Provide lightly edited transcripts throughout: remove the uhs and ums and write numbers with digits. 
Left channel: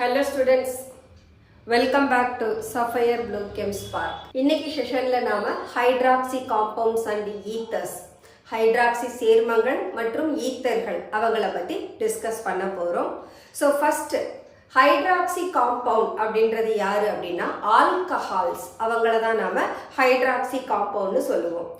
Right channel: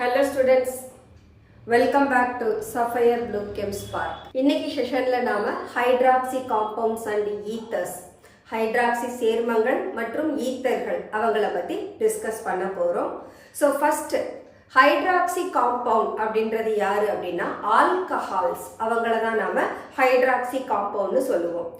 Hello students, welcome back to Sapphire Blue Chem Spark. இன்னைக்கு செஷன்ல நாம hydroxy compounds and ethers, hydroxy சேர்மங்கள் மற்றும் ஈத்தர்கள் அவங்கள பத்தி டிஸ்கஸ் பண்ண போறோம். ஸோ ஃபர்ஸ்ட் ஹைட்ராக்சி காம்பவுண்ட் அப்படின்றது யாரு அப்படின்னா ஆல்கஹால்ஸ், அவங்கள தான் நாம ஹைட்ராக்சி காம்பவுண்ட்னு சொல்லுவோம்.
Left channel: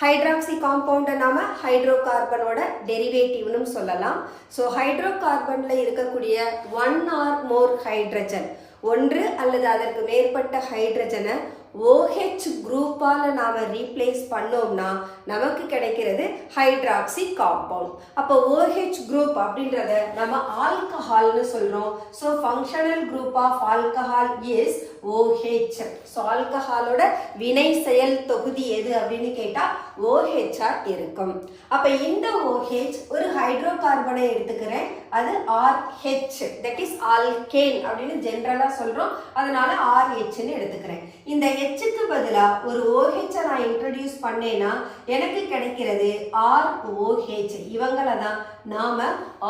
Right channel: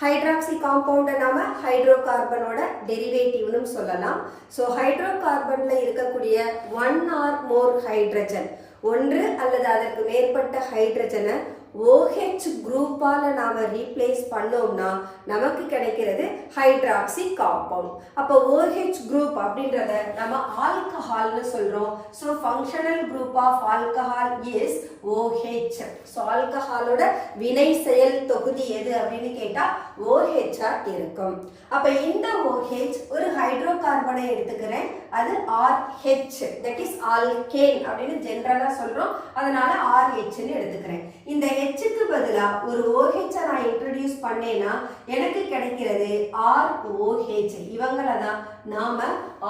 ஹைட்ராக்சி காம்பவுண்டை நாம ஹைட்ரோ கார்பனோட டெரிவேட்டிவ்னு சொல்லலாம். ஸோ ஹைட்ரோ கார்பன்ல இருக்கக்கூடிய ஒன் ஆர் மோர் ஹைட்ரஜன், ஒன்று அல்லது அதற்கு மேற்பட்ட ஹைட்ரஜனை OH குரூப்பால நாம ரீப்ளேஸ் பண்ணோம்னா நமக்கு கிடைக்கிறது ஹைட்ராக்சி காம்பவுண்ட். அப்போ OH குரூப் அப்படின்றத நம்ம ஆல்கஹால்னு சொல்றோம். So functional group of alcohol is OH. So ஆல்கஹாலோட வினை செயல் தொகுதி எது அப்படின்னு கேட்டா OH இருக்கும். அப்ப இந்த OH ஒரு ஹைட்ரோ கார்பனை எடுத்துக்கிறேன், அது RH, தட் இஸ் ஆல்கேன் அப்படின்னு ஜெனரலா சொல்றோம், அதனால RH எடுத்துக்கிறேன். இந்த Hக்கு பதிலா ஒரு OH நான் இன்ட்ரோடியூஸ் பண்ணேன்னா எனக்கு கிடைக்கிறது ROH. இவங்களை தான் நாம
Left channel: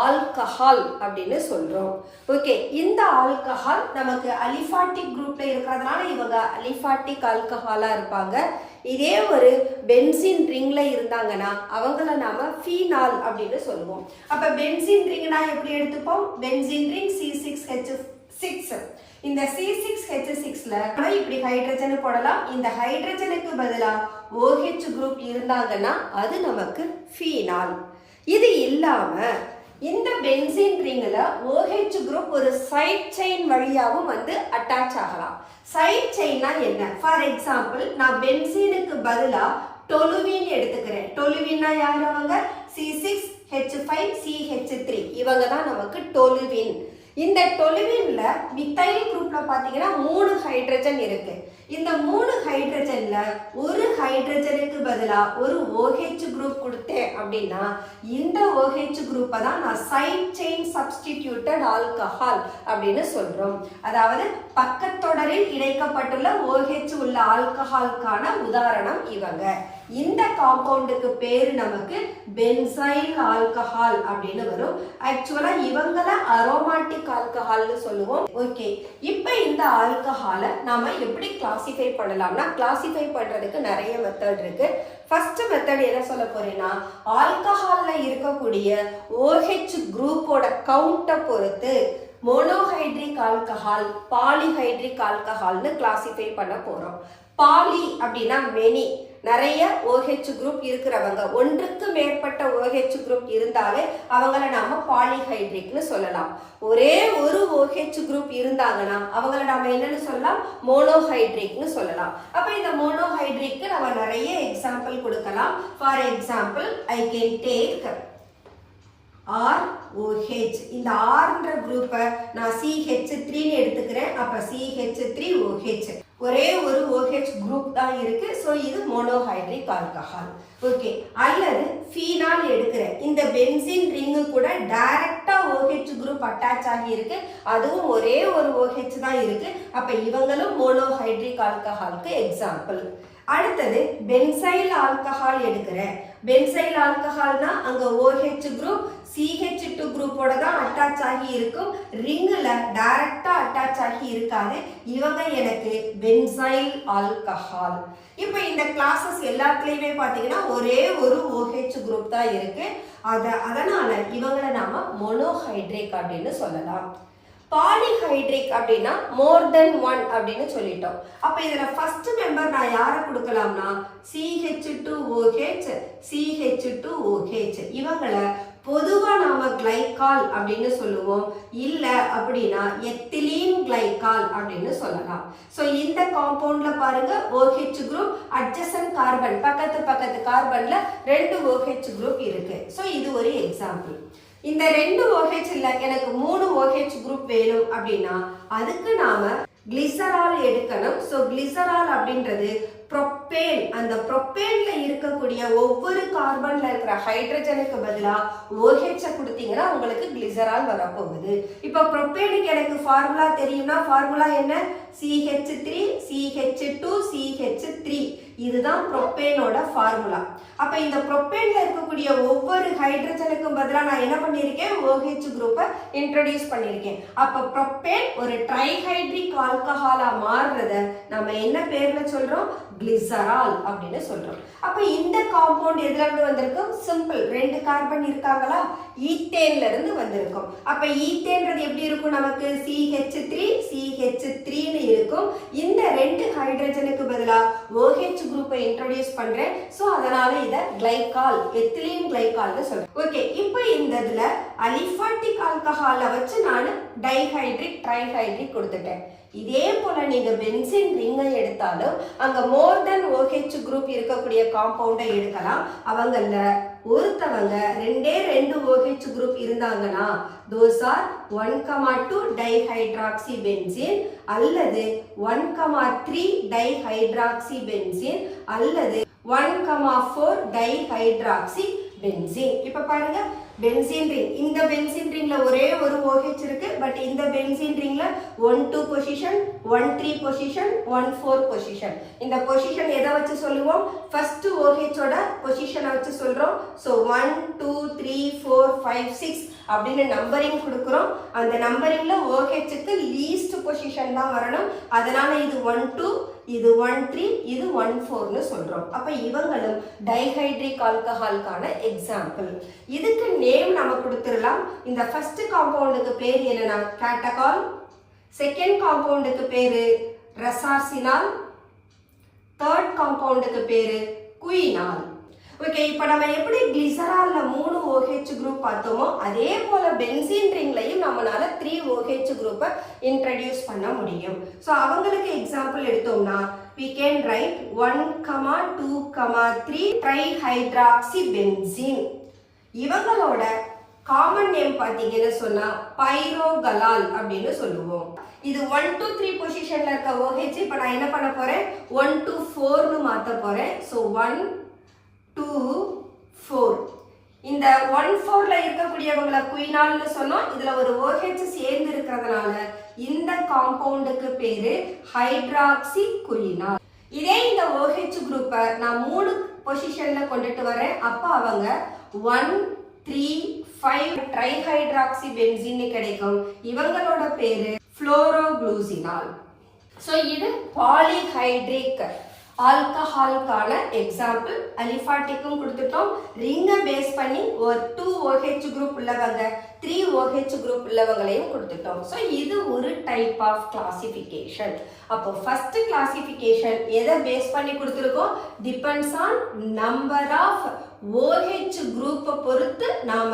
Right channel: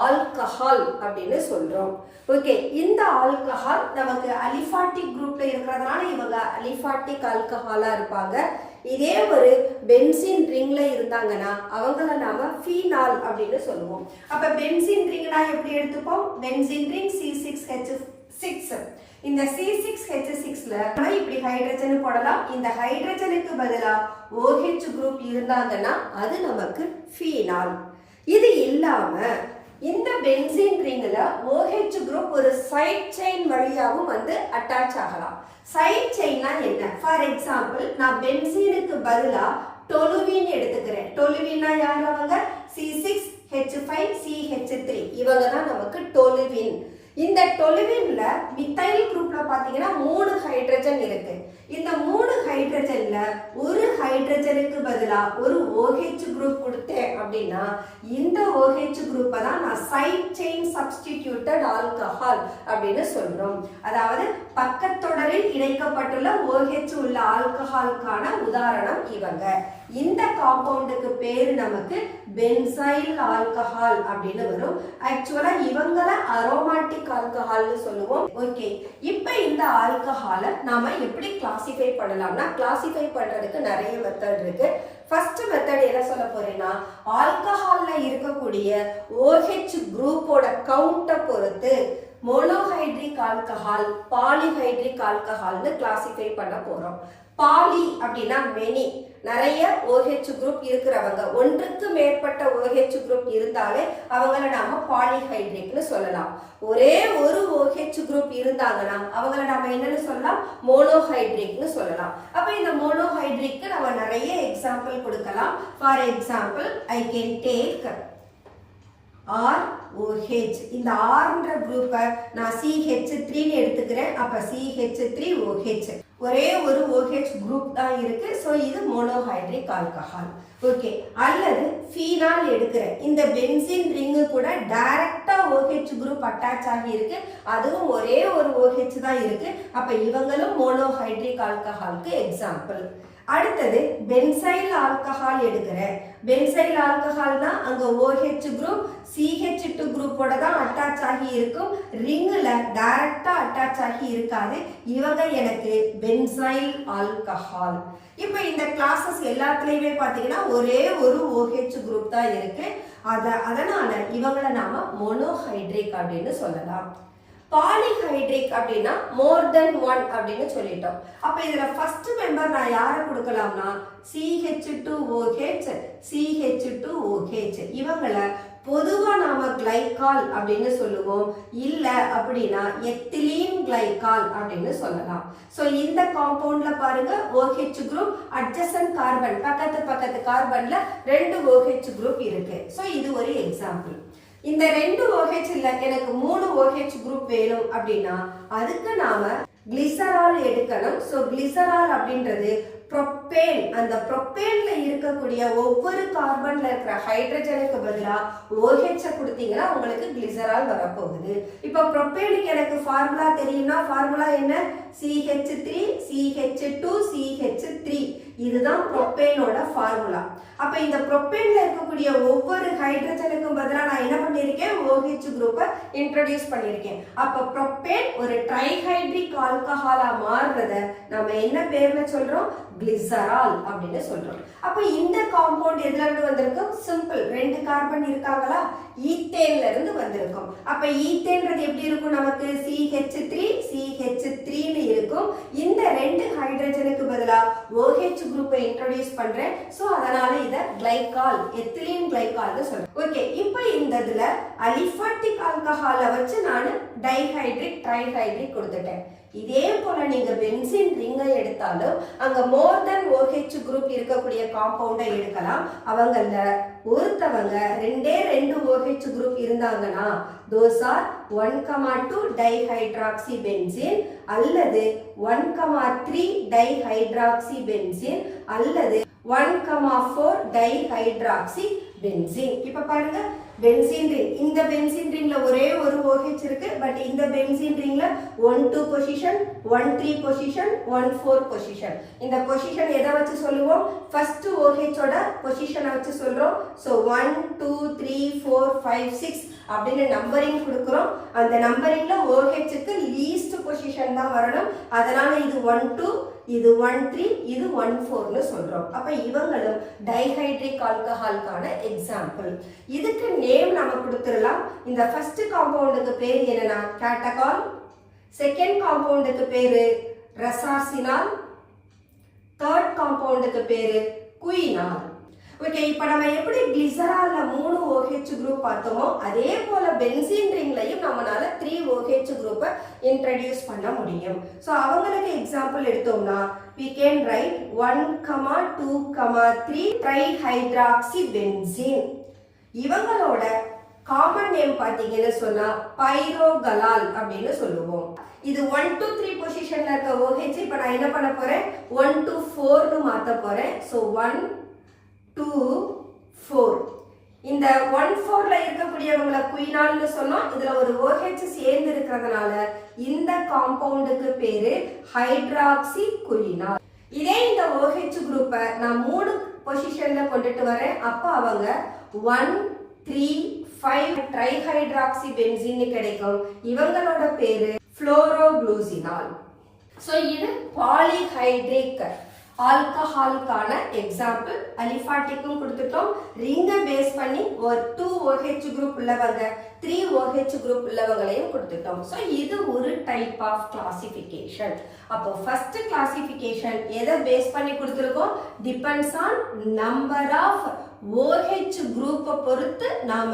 ஆல்கஹால் அப்படின்னு சொல்றோம். ஓகே, இந்த ஆல்கஹால் நமக்கு அலிஃபாட்டிக் குரூப்ல இருக்கிறதுனால இவங்க அலிஃபாட்டிக் ஆல்கஹாலா இருப்பாங்க. இதே ஒரு பென்சின் ரிங்ல இருந்தாங்கன்னா அவங்கள நாம ஃபீனால் அப்படின்னு சொல்லுவோம். அப்ப பென்சின் ரிங்னா எப்படி எடுத்துப்போம்? Benzene ring C6H6. இந்த C6H6ல இப்படி ஹைட்ரஜன் போடலாம். இந்த ஹைட்ரஜனுக்கு பதிலா OH குரூப் இருந்தாங்கன்னா அது நமக்கு ஃபீனால். இது இல்லாம இந்த பென்சீன் ரிங்ல OH குரூப் ஒரு சைட் செயின் வழியாகவும் வந்து அட்டாச் ஆகலாம். சைட் செயின்னா என்ன? ஃபார் எக்ஸாம்பிள் நான் பென்சீனுக்கு பதிலா டொலுவின் எடுத்துக்கிறேன். டொலுவின்னா யார்? அவங்க C6H5CH3, இவங்க தான் நமக்கு டொலுவின். இந்த டொலுவின்ல மித்தைல் குரூப்ல பாத்தீங்கன்னா 3 ஹைட்ரஜன் இருக்கு. இந்த 3 ஹைட்ரஜன்ல ஒரு ஹைட்ரஜனுக்கு பதிலா ஒரு OH குரூப் கொடுத்தேன் அப்படின்னா இந்த OH குரூப்பை தான் நான் சைட் செயின் சப்ஸ்டிடியூட்டட் ஆல்கஹால் அப்படின்னு சொல்றோம். அதாவது பக்கத்தொடரில் இணைக்கப்பட்டுள்ள OH உள்ள ஆல்கஹாலுக்கான உதாரணம் இவங்க. இந்த காம்பவுண்டுக்கு பேரு நமக்கு பென்சைல் ஆல்கஹால் அப்படின்னு வரும். ஆக்சுவலா இவங்கள அரோமாட்டிக் ஆல்கஹால்னு சொல்லுவோம். ஓகே, இப்போ இந்த ஆல்கஹாலை நாம எப்படி கிளாசிஃபை பண்ணலாம்னா, கிளாசிஃபை பண்றதுக்கு நிறைய மெத்தட் இருக்கு. ஃபர்ஸ்ட் மெத்தட் என்ன சொல்ல போறேன்னா, ஆல்கஹால்ல இருக்கக்கூடிய OH குரூப்போட கவுண்ட்டை பொறுத்து மோனோஹைட்ரிக் ஆல்கஹால், பாலிஹைட்ரிக் ஆல்கஹால்னு கிளாசிஃபை பண்ண போறோம். பாலி அப்படின்னா மெனி, நிறைய OH குரூப் இருக்கிறவங்க, ஒன்றுக்கு மேற்பட்ட OH குரூப் இருந்தாலே அவங்கள நாம பாலிஹைட்ரிக்னு சொல்லலாம். ஒரே ஒரு OH குரூப் இருந்தாங்கன்னா அவங்கள நாம என்னன்னு சொல்லலாம்? மோனோஹைட்ரிக்னு சொல்லலாம். அப்ப இந்த மோனோஹைட்ரிக்கு நம்ம நிறைய எக்ஸாம்பிள் கொடுக்கலாம். For example I can take ROH. இந்த Rன்ற குரூப்பை நான் CH3 எடுத்துக்கிறேன். அப்ப CH3OH, ஒரே ஒரு OH குரூப் தான் இருக்கு. ஸோ இது மோனோஹைட்ரிக் ஆல்கஹால். ஓகே, அல்லது ஃபீனால் எடுக்கிறேன். இந்த பென்சின் ரிங்கு கூட டைரக்டா OH குரூப் அட்டாச் ஆகி இருக்கு, அதுவும் ஒரே ஒரு OH தான் இருக்கு. அப்ப இவங்களும் மோனோஹைட்ரிக் ஆல்கஹாலுக்கு எக்ஸாம்பிள். அடுத்தது பென்சைல் ஆல்கஹால் எடுக்கிறேன். பென்சைல் ஆல்கஹால்னா அங்க OH குரூப் CH2 குரூப்போட தான் அட்டாச் ஆகி இருக்கும், ரிங்ல டைரக்டா அட்டாச் ஆகி இருக்காது. இவங்க எனக்கு பென்சைல் ஆல்கஹால். இப்போ இந்த கிளாஸஸ் எல்லாத்துலயுமே பாத்தீங்கன்னா ஒரே ஒரு OH குரூப் தான் இருக்கு. அதனால இவங்களை நாம மோனோஹைட்ரிக் அப்படின்னு சொல்லலாம். பாலிஹைட்ரிக் அப்படின்னா மோர் தென் ஒன் அப்படின்னு சொல்லிட்டோம். அப்ப இதுல ஃபர்ஸ்ட் மெம்பர் நான் யாரை கொடுக்கலாம்னா CH2OH, CH2OH. இவங்களை பொதுவா நாம கிளைகால் அப்படின்னு சொல்லுவோம், இல்ல அப்படின்னா எத்திலீன் கிளைகால் அப்படின்னு சொல்லலாம். சோ இந்த காம்பவுண்ட்ல பாருங்க OH குரூப் அட்ஜசன்ட் கார்பன், பக்கத்து கார்பன்ல 2 OH குரூப் இருக்கு. சோ இது ஒரு எக்ஸாம்பிள். இந்த 2 OH இல்ல எனக்கு 3 OH குரூப் வேணும் அப்படின்னா அதுக்கு நாம கிளிசரால் எடுக்கணும். சோ கிளிசரால் அப்படின்றது ப்ரோப்பேன். அந்த ப்ரோப்பேன்ல இருக்கக்கூடிய ஒவ்வொரு கார்பன்ல இருக்கிற ஹைட்ரஜனுக்கு பதிலா OH கொடுத்தீங்கன்னா உங்களுக்கு கிளிசரால் வரப்போகுது. இப்ப ப்ரோப்பேனுக்கு எனக்கு ஃபார்முலா தெரியும்னா ஃபார்முலா என்ன? CH3 CH2 CH3. இதுதான் ப்ரோப்பேனோட ஃபார்முலா. அப்ப இந்த ப்ரோப்பேன்ல இருக்கக்கூடிய ஒவ்வொரு ஹைட்ரஜனுக்கும் பதிலா நான் என்ன பண்ணிருக்கேன், OH குரூப்பை இன்ட்ரோடியூஸ் பண்ணிருக்கேன். அப்ப ப்ரோப்பேன் ஒரு ட்ரைஹைட்ரிக் ஆல்கஹாலா மாறுறத நம்ம என்ன பேர்ல சொல்றோம், கிளிசரால் அப்படின்னு சொல்றோம். அப்ப இந்த காம்பவுண்ட் எதுல இருந்து வந்திருக்கும், சிம்பிள், 2 கார்பன் இருக்காங்களா, ஈத்தேன்ல இருந்து வந்திருக்கும். அப்ப ஈத்தேன்றது எப்படி இருக்கும், நமக்கு CH3 CH3 னு இருக்கும். இந்த 2 ஹைட்ரஜனுக்கு பதிலா OH குரூப்பை இன்ட்ரோடியூஸ் பண்றேன். சோ அதனால இத கிளைகால், எத்திலீன் கிளைகால்னு சொல்றேன். ஓகே, இப்போ இந்த இதுல அலிஃபாட்டிக் ஆல்கஹாலை வச்சு நான் டைஹைட்ரிக் ட்ரைஹைட்ரிக் கொடுத்துட்டேன். இதே போல நீங்க பென்சின் ரிங்கை எடுத்தாலும் அங்க மோர் தென் OH குரூப் இருக்கக்கூடிய காம்பவுண்டை எடுக்கலாம். அவங்கள ஒருத்தவங்க 2 OH குரூப் இருந்தாங்கன்னா those are 1,2 டைஹைட்ராக்சிபென்சீன் அல்லது 1,3 டைஹைட்ராக்சிபென்சீன் அல்லது 1,4 டைஹைட்ராக்சிபென்சீன். இப்ப பாருங்க, பென்சீன் ரிங், இந்த பென்சீன் ரிங்ல ஒரே ஒரு OH இருக்கு. பட் இந்த பென்சீன் ரிங்ல 1,2 பொசிஷன், 1,3 பொசிஷன், 1,4 பொசிஷன். இந்த பொசிஷன் எதை வச்சு சொல்லுவோம், ஃபர்ஸ்ட் OH ஓட பொசிஷனை வச்சு சொல்றோம். சோ 1 2 3 4 5 6 அப்படின்னு நம்பரிங் கொடுக்கிறோம். அந்த நம்பரிங்ல OH-க்கு லீஸ்ட் பொசிஷன் தான் வரணும். அதனால இது 1 2, இது 1 3, இது 1 4 னு சொல்றோம். அப்ப இவங்களும் டைஹைட்ரிக் ஆல்கஹாலுக்கான எக்ஸாம்பிள். இதுக்கு நேம் நாம கொடுத்துடலாம். இந்த ஃபர்ஸ்ட் காம்பவுண்டுக்கு பேர் என்னன்னா கேட்டகால், செகண்ட் காம்பவுண்டுக்கு பேரு ரெசார்சினால், தேர்ட் காம்பவுண்டுக்கு பேரு குயினால். ஓகே, இப்போ நம்ம எப்படி கிளிசரால்ல 3 OH குரூப் பார்த்தோமோ அதே போல பென்சீன் ரிங்லையும் நம்மளால 3 OH குரூப்பை இன்ட்ரோடியூஸ் பண்ண முடியும். ஸோ அவங்களுக்கு எக்ஸாம்பிள் எடுத்தோம்னா we can write 1,2,3 ட்ரைஹைட்ராக்சிபென்சீன். இவங்களோட காமன் நேம் பார்த்தீங்கன்னு சொன்னா பைரோகலால் அப்படின்னு சொல்லுவோம். இது 1 2 3 பொசிஷன்ல இருக்க OH இப்போ நான் என்ன பண்ண போறேன், 1 2 4 னு மாத்த போறேன். ஸோ 1 2 4. இந்த 1 4ல இருக்கக்கூடியவங்கள குயினால்னு சொன்னோம். இதுல ஒரு OH சேர்ந்து இருக்கிறதுனால இந்த காம்பவுண்டுக்கு பேரு ஹைட்ராக்சி குயினால். இதே இந்த OH குரூப்பை நான் 3 பொசிஷன்ல கொண்டுட்டு வரேன். அப்ப அவங்க 1 3 5 ட்ரைஹைட்ராக்சிபென்சீன் கிடைக்கும். இவங்களோட பேரு புளோரோகுளூசினால். சோ இது பாலிஹைட்ரிக் ஆல்கஹாலுக்கான எக்ஸாம்பிள். அலிஃபாட்டிக்கும் கொடுத்துட்டோம். ரிங்கை பேஸ் பண்ணி ஒரு 2 OH குரூப் உள்ளவங்க, 3 OH குரூப் உள்ளவங்களையும் கொடுத்துட்டோம். ஸோ இது ஒரு டைப் ஆஃப் கிளாசிஃபிகேஷன். அப்போ ஃபர்ஸ்ட் கிளாசிஃபிகேஷன் எதை பேஸ் பண்ணி கொடுத்துருக்கோம், depends on number of OH குரூப்பை பொறுத்து நாம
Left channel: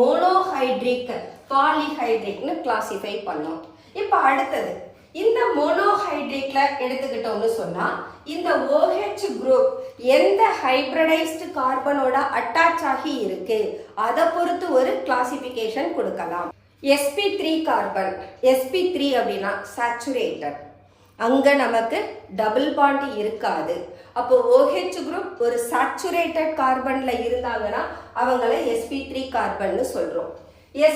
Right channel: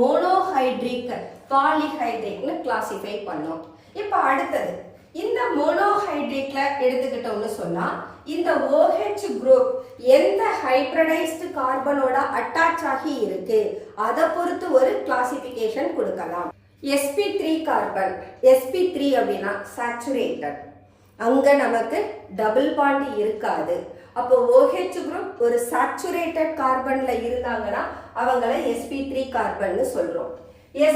மோனோஹைட்ரிக் பாலிஹைட்ரிக்னு கிளாசிஃபை பண்ணோம். இப்போ அடுத்தது இந்த மோனோஹைட்ரிக்ல எடுத்துக்கிட்டோம்னு சொன்னா இந்த OH குரூப் எந்த ஹைபிரிடைஸ்டு கார்பனோட அட்டாச் ஆகி இருக்கு அதை பொறுத்து ஒரு கிளாசிஃபிகேஷன் கொடுக்கலாம். sp3 கார்பன், sp3 அப்படின்னா சேச்சுரேட்டட், அங்க நமக்கு டபுள் பாண்ட் இருக்காது. அப்போ OH குரூப் ஒரு சேச்சுரேட்டட் கார்பன்ல இருந்தாங்கன்னா அவங்கள sp3 கார்பன் சொல்றோம்.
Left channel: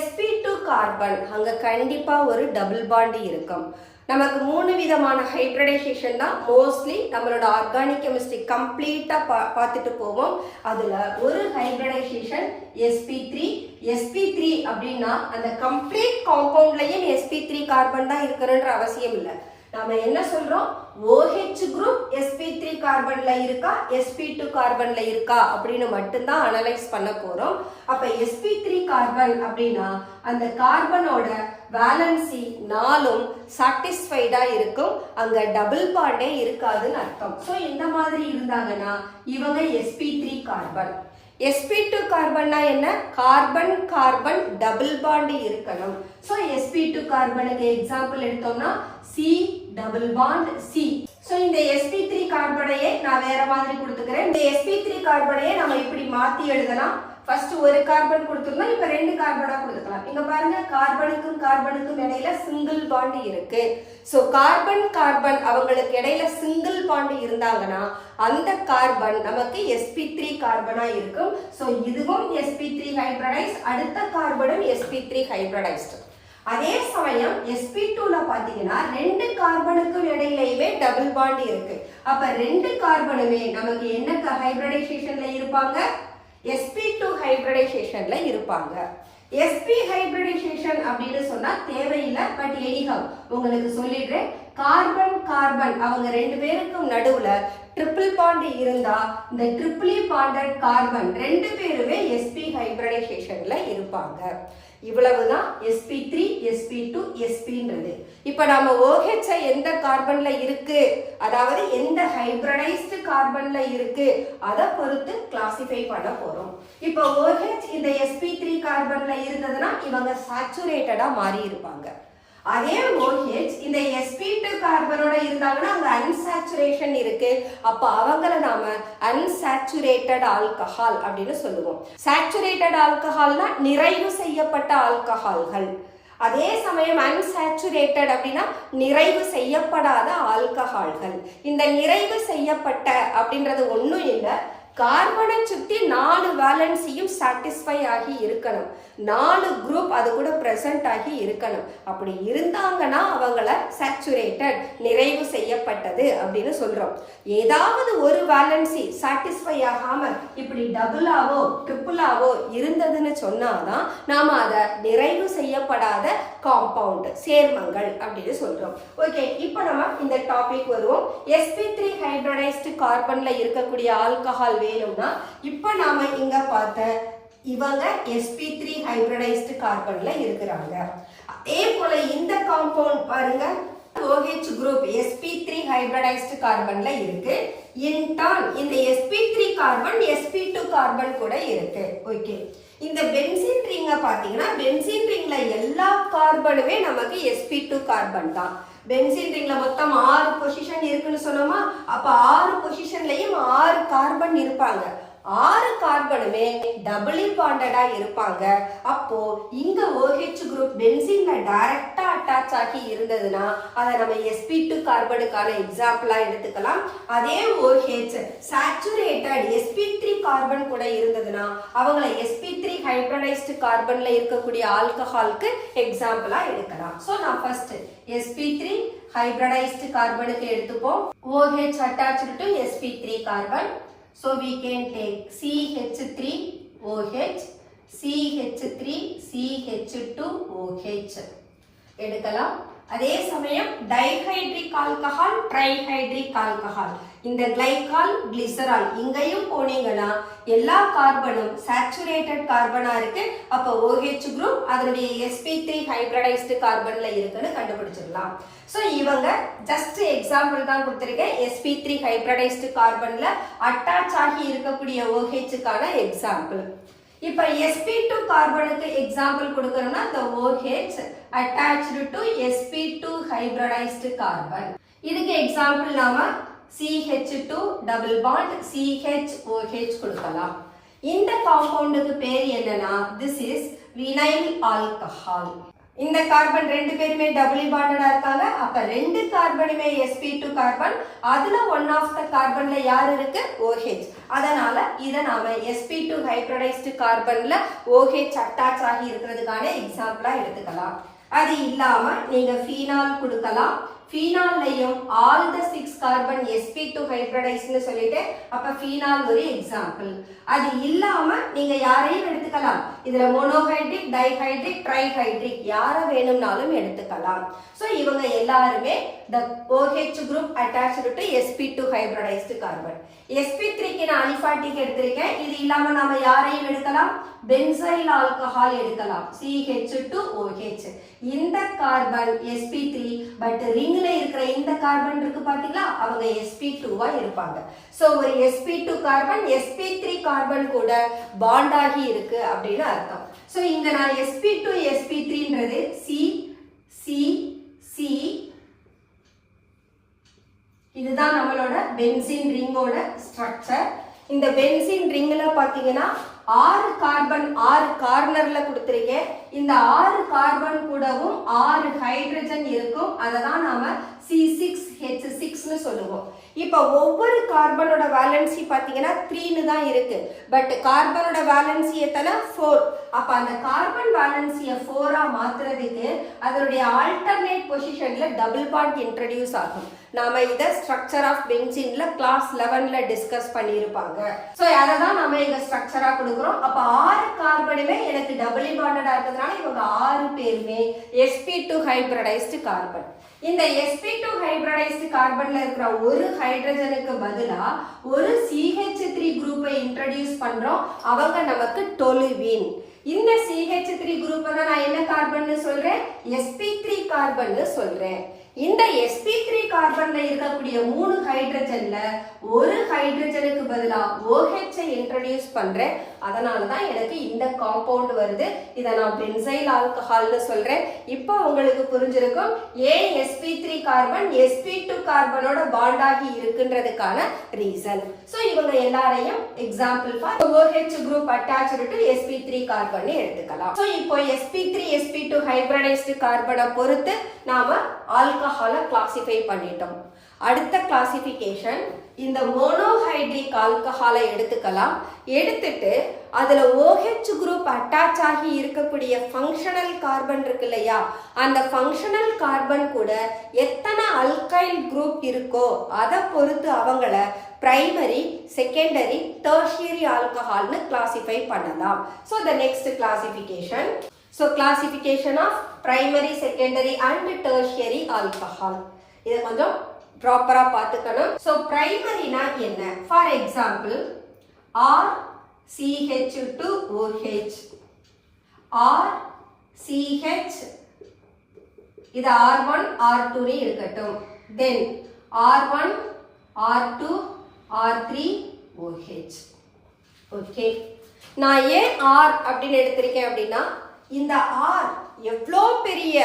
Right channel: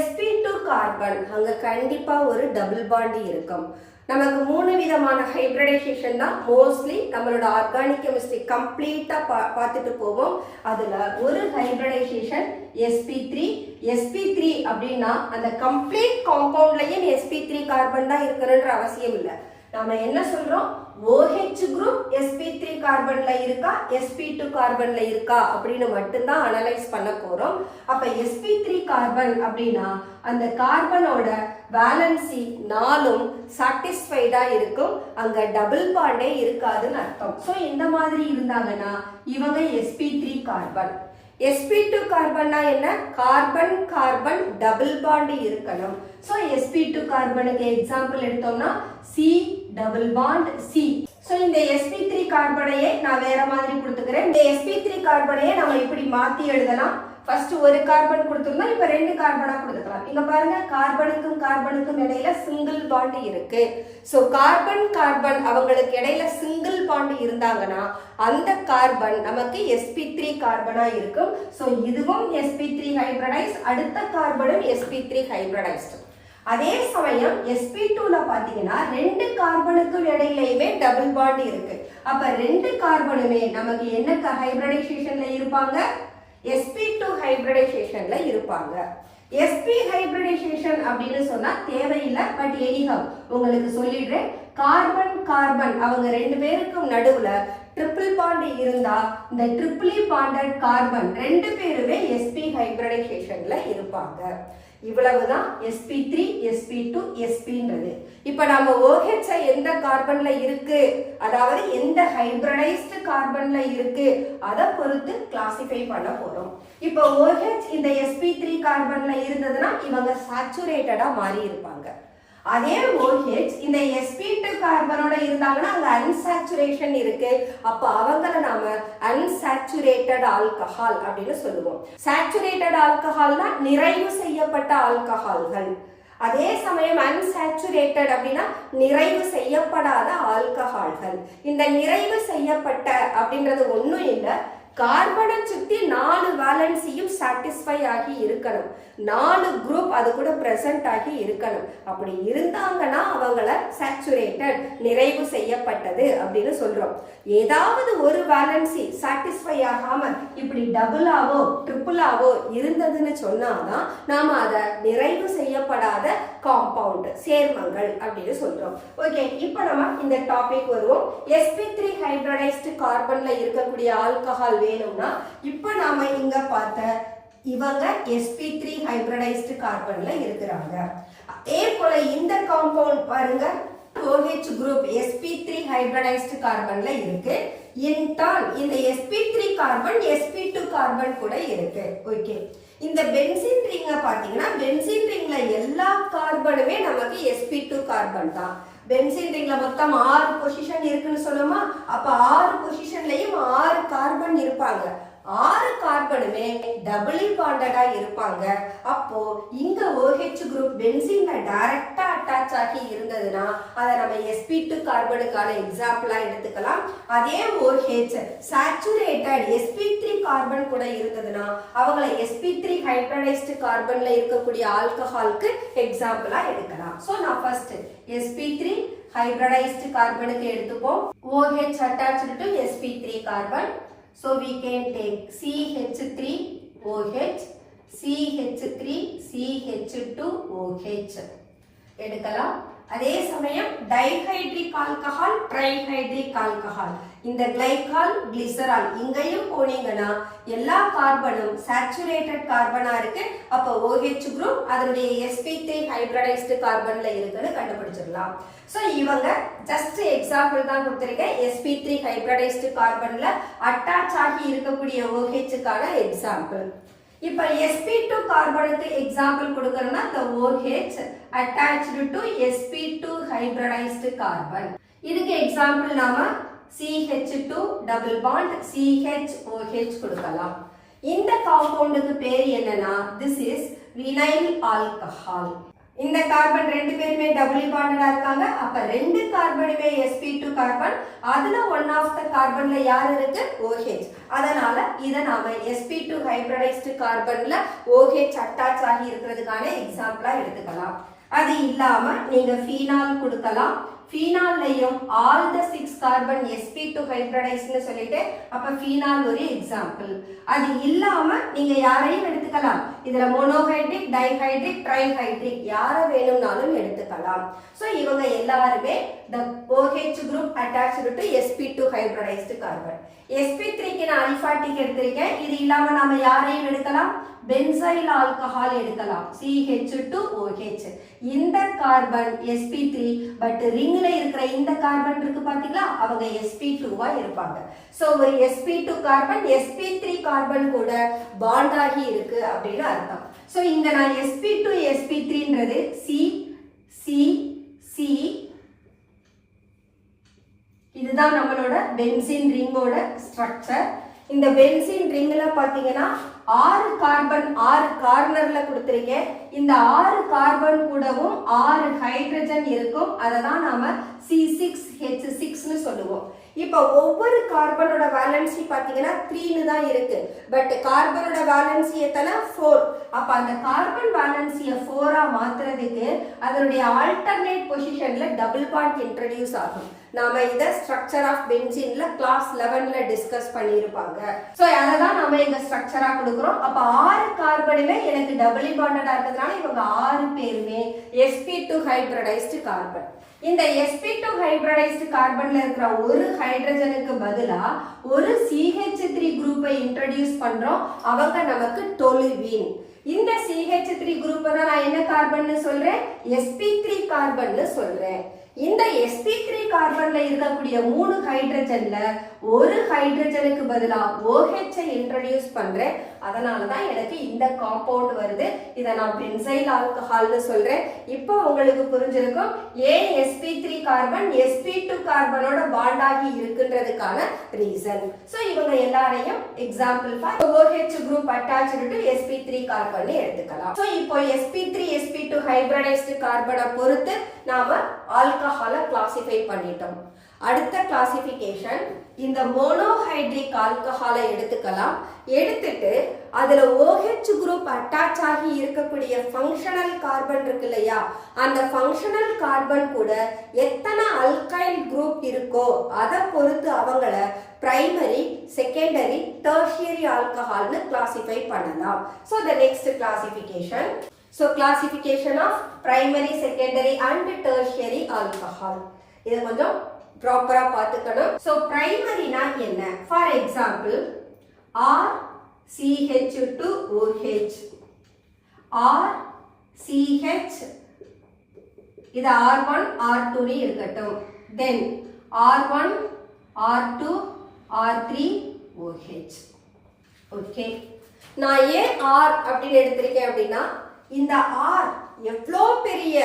sp2 கார்பன் அங்க கண்டிப்பா ஒரு டபுள் பாண்ட் இருக்கும். நமக்கு 3 விதமான ஹைபிரிடைசேஷன் தான் மோஸ்ட்லி நம்மளோட ஆர்கானிக் கெமிஸ்ட்ரி கம்ப்ளீட்டா பார்த்துட்டு போவோம். அதுல ஒரு ஹைபிரிடைசேஷன் sp3 அப்படின்னா அந்த கம்ப்ளீட் காம்பவுண்ட்லயும் sp3 கார்பன் தான் இருக்கணும்ன்ற அவசியம் இல்லை. நாம என்ன சொல்றோம், OH குரூப் sp3 கார்பன்ல இருக்கா sp2 கார்பன்ல இருக்கா அப்படின்னு மட்டும்தான் அனலைஸ் பண்ண போறோம். அப்ப sp3 கார்பன் அப்படின்னா அந்த கார்பனோட வேலன்சி 4ம் சாட்டிஸ்ஃபைடா இருக்கும், அங்க டபுள் பாண்டே இருக்காதுன்னு அர்த்தம். ஸோ இந்த மாதிரி இருந்தாங்கன்னா இவங்க sp3 கார்பன். sp2 கார்பன்னா என்ன, கார்பன் கார்பன் டபுள் பாண்ட் இருக்கணும். ஸோ sp2 கார்பனுக்கு எக்ஸாம்பிள் எடுத்தோம்னா C double bond C. So இந்த sp3 கார்பனையே நான் வேற மாதிரி கொடுத்துக்கிறேன். இந்த sp3 கார்பனையே நம்ம இப்படி மாத்தி எழுதலாம். ஃபர்ஸ்ட் ஒரு கார்பன் கொடுத்துருந்தோம், இப்ப 2 கார்பனா கொடுத்துக்கலாம். இங்க பாருங்க, கார்பனுக்கும் கார்பனுக்கும் இடையில சிங்கிள் பாண்ட் இருக்கு. சோ கார்பன் கார்பன் அவங்களுக்கு இடையில சிங்கிள் பாண்ட் இருந்தாங்கன்னா அந்த கார்பன் நமக்கு sp3 கார்பனா இருக்கும். சோ இதுவும் sp3 ஹைபிரிடைஸ், அடுத்த கார்பனும் sp3 ஹைபிரிடைஸ்ட். அதே சமயம் sp2ல பாத்தீங்கன்னா 2 கார்பனுக்கும் இடையிலயுமே டபுள் பாண்ட் இருக்கு. அப்ப 2 கார்பனுமே நமக்கு என்ன ஹைபிரிடைசேஷன்ல இருப்பாங்க? sp2 ஹைபிரிடைசேஷன்ல இருப்பாங்க. sp ஹைபிரிடைசேஷன் அப்படின்னு சொன்னா தேவையில்லை, பட் எனிஹவ் உங்களுக்கு சொல்லிடுறேன். கார்பன் கார்பன் அவங்க 2 பேருக்கும் நடுவுல ட்ரிபிள் பாண்ட் இருந்தா இந்த ட்ரிபிளி பாண்டட் கார்பன் 2 பேருமே sp ஹைபிரிடைசேஷன்ல இருப்பாங்க. இவ்வளவுதான் sp3 sp2 spன்றது. இப்ப நாம OH எந்த கார்பன்ல இருக்கு, அதாவது எந்த ஹைபிரிடைஸ்டு கார்பன்ல இருக்கு அதை பொறுத்து கிளாசிஃபை பண்ண போறோம். இப்ப OH இந்த sp3 கார்பன்ல இருந்ததுன்னா இவங்க சாச்சுரேட்டடா மாறி இருப்பாங்க. அதே OH இந்த sp2 கார்பனோட இருந்தாங்கன்னா அங்க அன்சாச்சுரேஷன் இருக்கு. அப்ப அவங்கள நாம அன்சாச்சுரேட்டட் ஆல்கஹால் அப்படின்னு சொல்லுவோம். சாச்சுரேட்டட் ஆல்கஹால்னா நிறைவு செய்யப்பட்ட ஆல்கஹால்கள். அதே சமயம் அன்சாச்சுரேட்டட் அப்படின்னா நிறைவு செய்யப்படாத ஆல்கஹால்கள். இந்த நிறைவு செய்யப்பட்ட அப்படின்றது ஒன்றும் இல்லை, கார்பனை சுற்றி 4 வேலன்சியும் சாட்டிஸ்ஃபை ஆகி இருக்கணும், 4 குரூப் அது கூட பிரசன்ட் ஆகி இருக்கணும். அப்படி இருந்தாங்கன்னா அவங்கள சாச்சுரேட்டட் நிறைவு செய்யப்பட்டது அப்படின்னு சொல்றோம். ஏதாவது ஒரு வேலன்சி சாட்டிஸ்ஃபை ஆகாம இப்படி டபுளாவோ ட்ரிபிளாவோ இருந்ததுன்னு சொன்னாதான் நாம அதை நிறைவு செய்யப்படாத காம்பவுண்ட் சேர்மங்கள் அப்படின்னு சொல்றோம். ஓகே, இப்போ நம்ம இந்த டாபிக் வருவோம். sp3 ஹைபிரிடைஸ்டு கார்பன்ல இருக்கக்கூடிய ஆல்கஹால் வேணும்னா இப்போ நாம இங்க பார்த்த இவங்க sp3 ஹைபிரிடைஸ்டு கார்பன்ல இருக்கிறாங்க. அதே போல இந்த காம்பவுண்ட் பாருங்க, OH குரூப் sp3 ஹைபிரிடைஸ்டு கார்பன்ல இருக்கு. இன்டான் இந்த sp3 கார்பன் sp2 கார்பன் கூட இருக்கு. ஓகே, இந்த பென்சீன் ரிங்க பாத்தீங்கன்னா பென்சீன் ரிங்ல எல்லா கார்பனுமே நமக்கு sp2 கார்பன் தான். பென்சீன் ரிங்ல மொத்தம் 6 பொசிஷன் இருக்குன்னு சொன்னோமா, அப்ப 6 பொசிஷன்லயும் 6 கார்பன் இருப்பாங்க. 6 கார்பனுமே டபுளி பாண்டடா இருப்பாங்க. அப்போ இங்க OH குரூப் பென்சீன்ல டைரக்டா அட்டாச் ஆகி இருந்ததுன்னா அதை நம்ம sp2 கார்பனுக்கான எக்ஸாம்பிளா எடுத்துக்கலாம். அதே OH சாச்சுரேட்டட் sp3 கார்பன் கூட இருந்ததுன்னா அவங்கள sp3 ஹைபிரிடைஸ்டு கார்பன்ல இருக்கக்கூடிய ஆல்கஹாலுக்கு எக்ஸாம்பிளா எடுக்கலாம். சோ நான் ஃபர்ஸ்ட் sp3 ஹைபிரிடைஸ்டு கார்பனுக்கு எடுத்துப்போம். OH attached to sp3 carbon. So we can take CH3OH, CH3CH2OH எடுக்கலாம். அதே சமயம் டைஹைட்ரிக் ஆல்கஹால், ட்ரைஹைட்ரிக் ஆல்கஹால், இந்த கிளைகால், கிளிசரால் இங்கேயும் போனீங்கன்னா எல்லா கார்பனும் சாச்சுரேட்டட் கார்பனா இருக்கு. அப்போ OH குரூப் அதனுடைய sp3 ஹைபிரிடைஸ்டு கார்பன்ல இருக்குன்னு கண்டுபிடிச்சிடலாம். ஸோ இவங்க ஜஸ்ட் எக்ஸாம்பிள் தான் கொடுத்துருக்கேன். sp3 ஹைபிரிடைஸ்டு கார்பன்ல அட்டாச் ஆகி இருக்கக்கூடிய OH-க்கான எக்ஸாம்பிள். இப்போ sp2 கார்பனுக்கு எக்ஸாம்பிள் கொடுக்கறோம்னா the OH attached to sp2 hybridised கார்பன். இதுக்கு எக்ஸாம்பிள் நாம CH2 டபுள் பாண்ட் CHOH கொடுக்கலாம். இந்த காம்பவுண்டுக்கு பேர் என்னன்னா this is vinyl alcohol. இந்த கார்பன் 2 பேருமே டபுளி பாண்டடா இருக்காங்க. அப்ப 2 கார்பனுமே sp2 கார்பன், அதுல ஒன் ஆஃப் த கார்பன்ல யார் இருக்கு? OH. அதனால இத நாம sp2 ஹைபிரிடைஸ்டு கார்பன்ல OH அட்டாச் ஆகி இருக்கிறதுக்கான எக்ஸாம்பிளா எடுத்துக்கலாம். அது இல்லாம நீங்க ஃபீனால் கொடுக்கலாம். ஃபீனால்லையும் ஆல் த 6 கார்பன் sp2 ஹைபிரிடைஸ்ட்னு சொல்லிட்டு அப்ப ஃபீனால் ஒரு எக்ஸாம்பிள். அது இல்லாம நீங்க யாரையும் எடுத்துக்கலாம். இதுல மோனோஹைட்ரிக், டைஹைட்ரிக், ட்ரைஹைட்ரிக் யார வேணும்னாலும் எடுத்துக்கலாம். சோ இவங்க எல்லாருமே the OH group attached to sp2 hybridised கார்பன். sp3க்கு நான் அலிஃபாட்டிக் எடுத்திருக்கேன். இது இல்லாம நாம யாரையும் எடுக்கலாம். பென்சைல் ஆல்கஹால் எடுக்கலாம், CH2OH. இந்த கார்பன் sp3, பட் ரிங்ல இருக்கிற இந்த கார்பன் இருக்கு பாத்தீங்களா, அவங்க sp2வா இருப்பாங்க. சோ ஒரு sp2 கார்பன் sp3 கார்பன் கூட பாண்ட் ஆகி இருக்கு அப்படின்னு அர்த்தம். சோ இங்க நான் sp2 sp3ன்றது C C C, இதுதான் நம்மளோட பென்சீன் ரிங்கோட ஸ்ட்ரக்சர். இந்த பென்சீன் ரிங்ல பாத்தீங்கன்னா 6 கார்பன் 6 கார்னர்ல கொடுத்திருக்கேன். இந்த 6 கார்பன் கூடவும் 6 ஹைட்ரஜன் இருக்கும். அதை தான் நாம C6H6னு சொல்லுவோம். இப்போ ஒவ்வொரு கார்பனோட வேலன்சி பார்த்தீங்கன்னா 3ன்னு தான் இருக்கு. பட் கார்பனோட வேலன்சி எத்தனை 4. அப்ப அந்த கார்பன் வேலன்சியை 4ஆ மாத்துறதுக்கு அதனுடைய ஆல்டர்னேட் பொசிஷன்ல டபுள் பாண்ட் இன்ட்ரடியூஸ் ஆகும். நாம இத ஸ்ட்ரக்சர் ஆஃப் பென்சீன்ல கிளாஸ் 11ல டிஸ்கஸ் பண்ணியிருப்பாங்க. ஸோ அதை தான் நம்ம இங்க ஸ்ட்ரக்சரா கொடுக்குறோம். அப்ப 6 கார்பனுமே எனக்கு டபுள் பாண்டடா இருக்கிறதுனால இவங்க 6 பேருமே sp2 ஹைபிரிடைஸ்டு கார்பன். இந்த sp2 ஹைபிரிடைஸ்டு கார்பன்ல இருக்கிற ஒரு ஹைட்ரஜனுக்கு பதிலா ஒரு CH3 குரூப்பை இன்ட்ரோடியூஸ் பண்றோம். அவங்க நமக்கு டொலுவீன். இந்த CH3 குரூப்பை தான் நான் என்ன கார்பன்னு சொல்றேன்? sp3 கார்பன்னு சொல்றேன். இந்த sp3 கார்பன்ல இருக்கக்கூடிய 3 ஹைட்ரஜன்ல ஒரு ஹைட்ரஜனுக்கு பதிலா OH ஐ இன்ட்ரோடியூஸ் பண்றேன். அதனால தான் எனக்கு இந்த காம்பவுண்ட் வருது. இதை நான் பென்சைல் ஆல்கஹால்னு சொல்றேன். இப்போ உங்களுக்கு புரிஞ்சிருக்கும் ஏன் sp3 கார்பன் sp2 கார்பனோட பாண்ட் ஆகி இருக்குன்றதுக்கான ரீசன். சோ இவங்க எல்லாரையும் example for OH group attached to sp3 carbon எடுத்துக்கலாம். சோ இப்போ sp3 sp2 ஹைபிரிடைஸ்டு கார்பனை பொறுத்து நாம ஆல்கஹாலை கிளாசிஃபை பண்ணிட்டோம். அடுத்த கிளாசிஃபிகேஷன் இந்த மோனோஹைட்ரிக் ஆல்கஹாலை எடுத்துக்கலாம். எடுத்துட்டு அதுல OH குரூப் அட்டாச் ஆகி இருக்கக்கூடிய ஃபங்க்ஷனல் கார்பன் இருக்கு இல்லையா, அந்த ஃபங்க்ஷனல் கார்பன் கூட எத்தனை அல்கைல் குரூப் இருக்கோ அதை பொறுத்து அவங்கள பிரைமரி, செகண்டரி, டெர்ஷியரி ஆல்கஹால்னு கிளாசிஃபை பண்ணலாம். So the next classification. So classification of primary, secondary and tertiary alcohol. இது கொஞ்சம் ப்ராப்பரா பார்த்துக்கணும். ஸோ பிரைமரினா என்ன? ஃபார் எக்ஸாம்பிள் RCH2OH, RCH, இது R1 R2 இருக்கட்டும். தென் R1 R2 R3OH. ஓகே, நான் ஏன் R அப்படின்னு எடுத்திருக்கேன் அப்படின்னா இந்த R எவ்வளோ பெரிய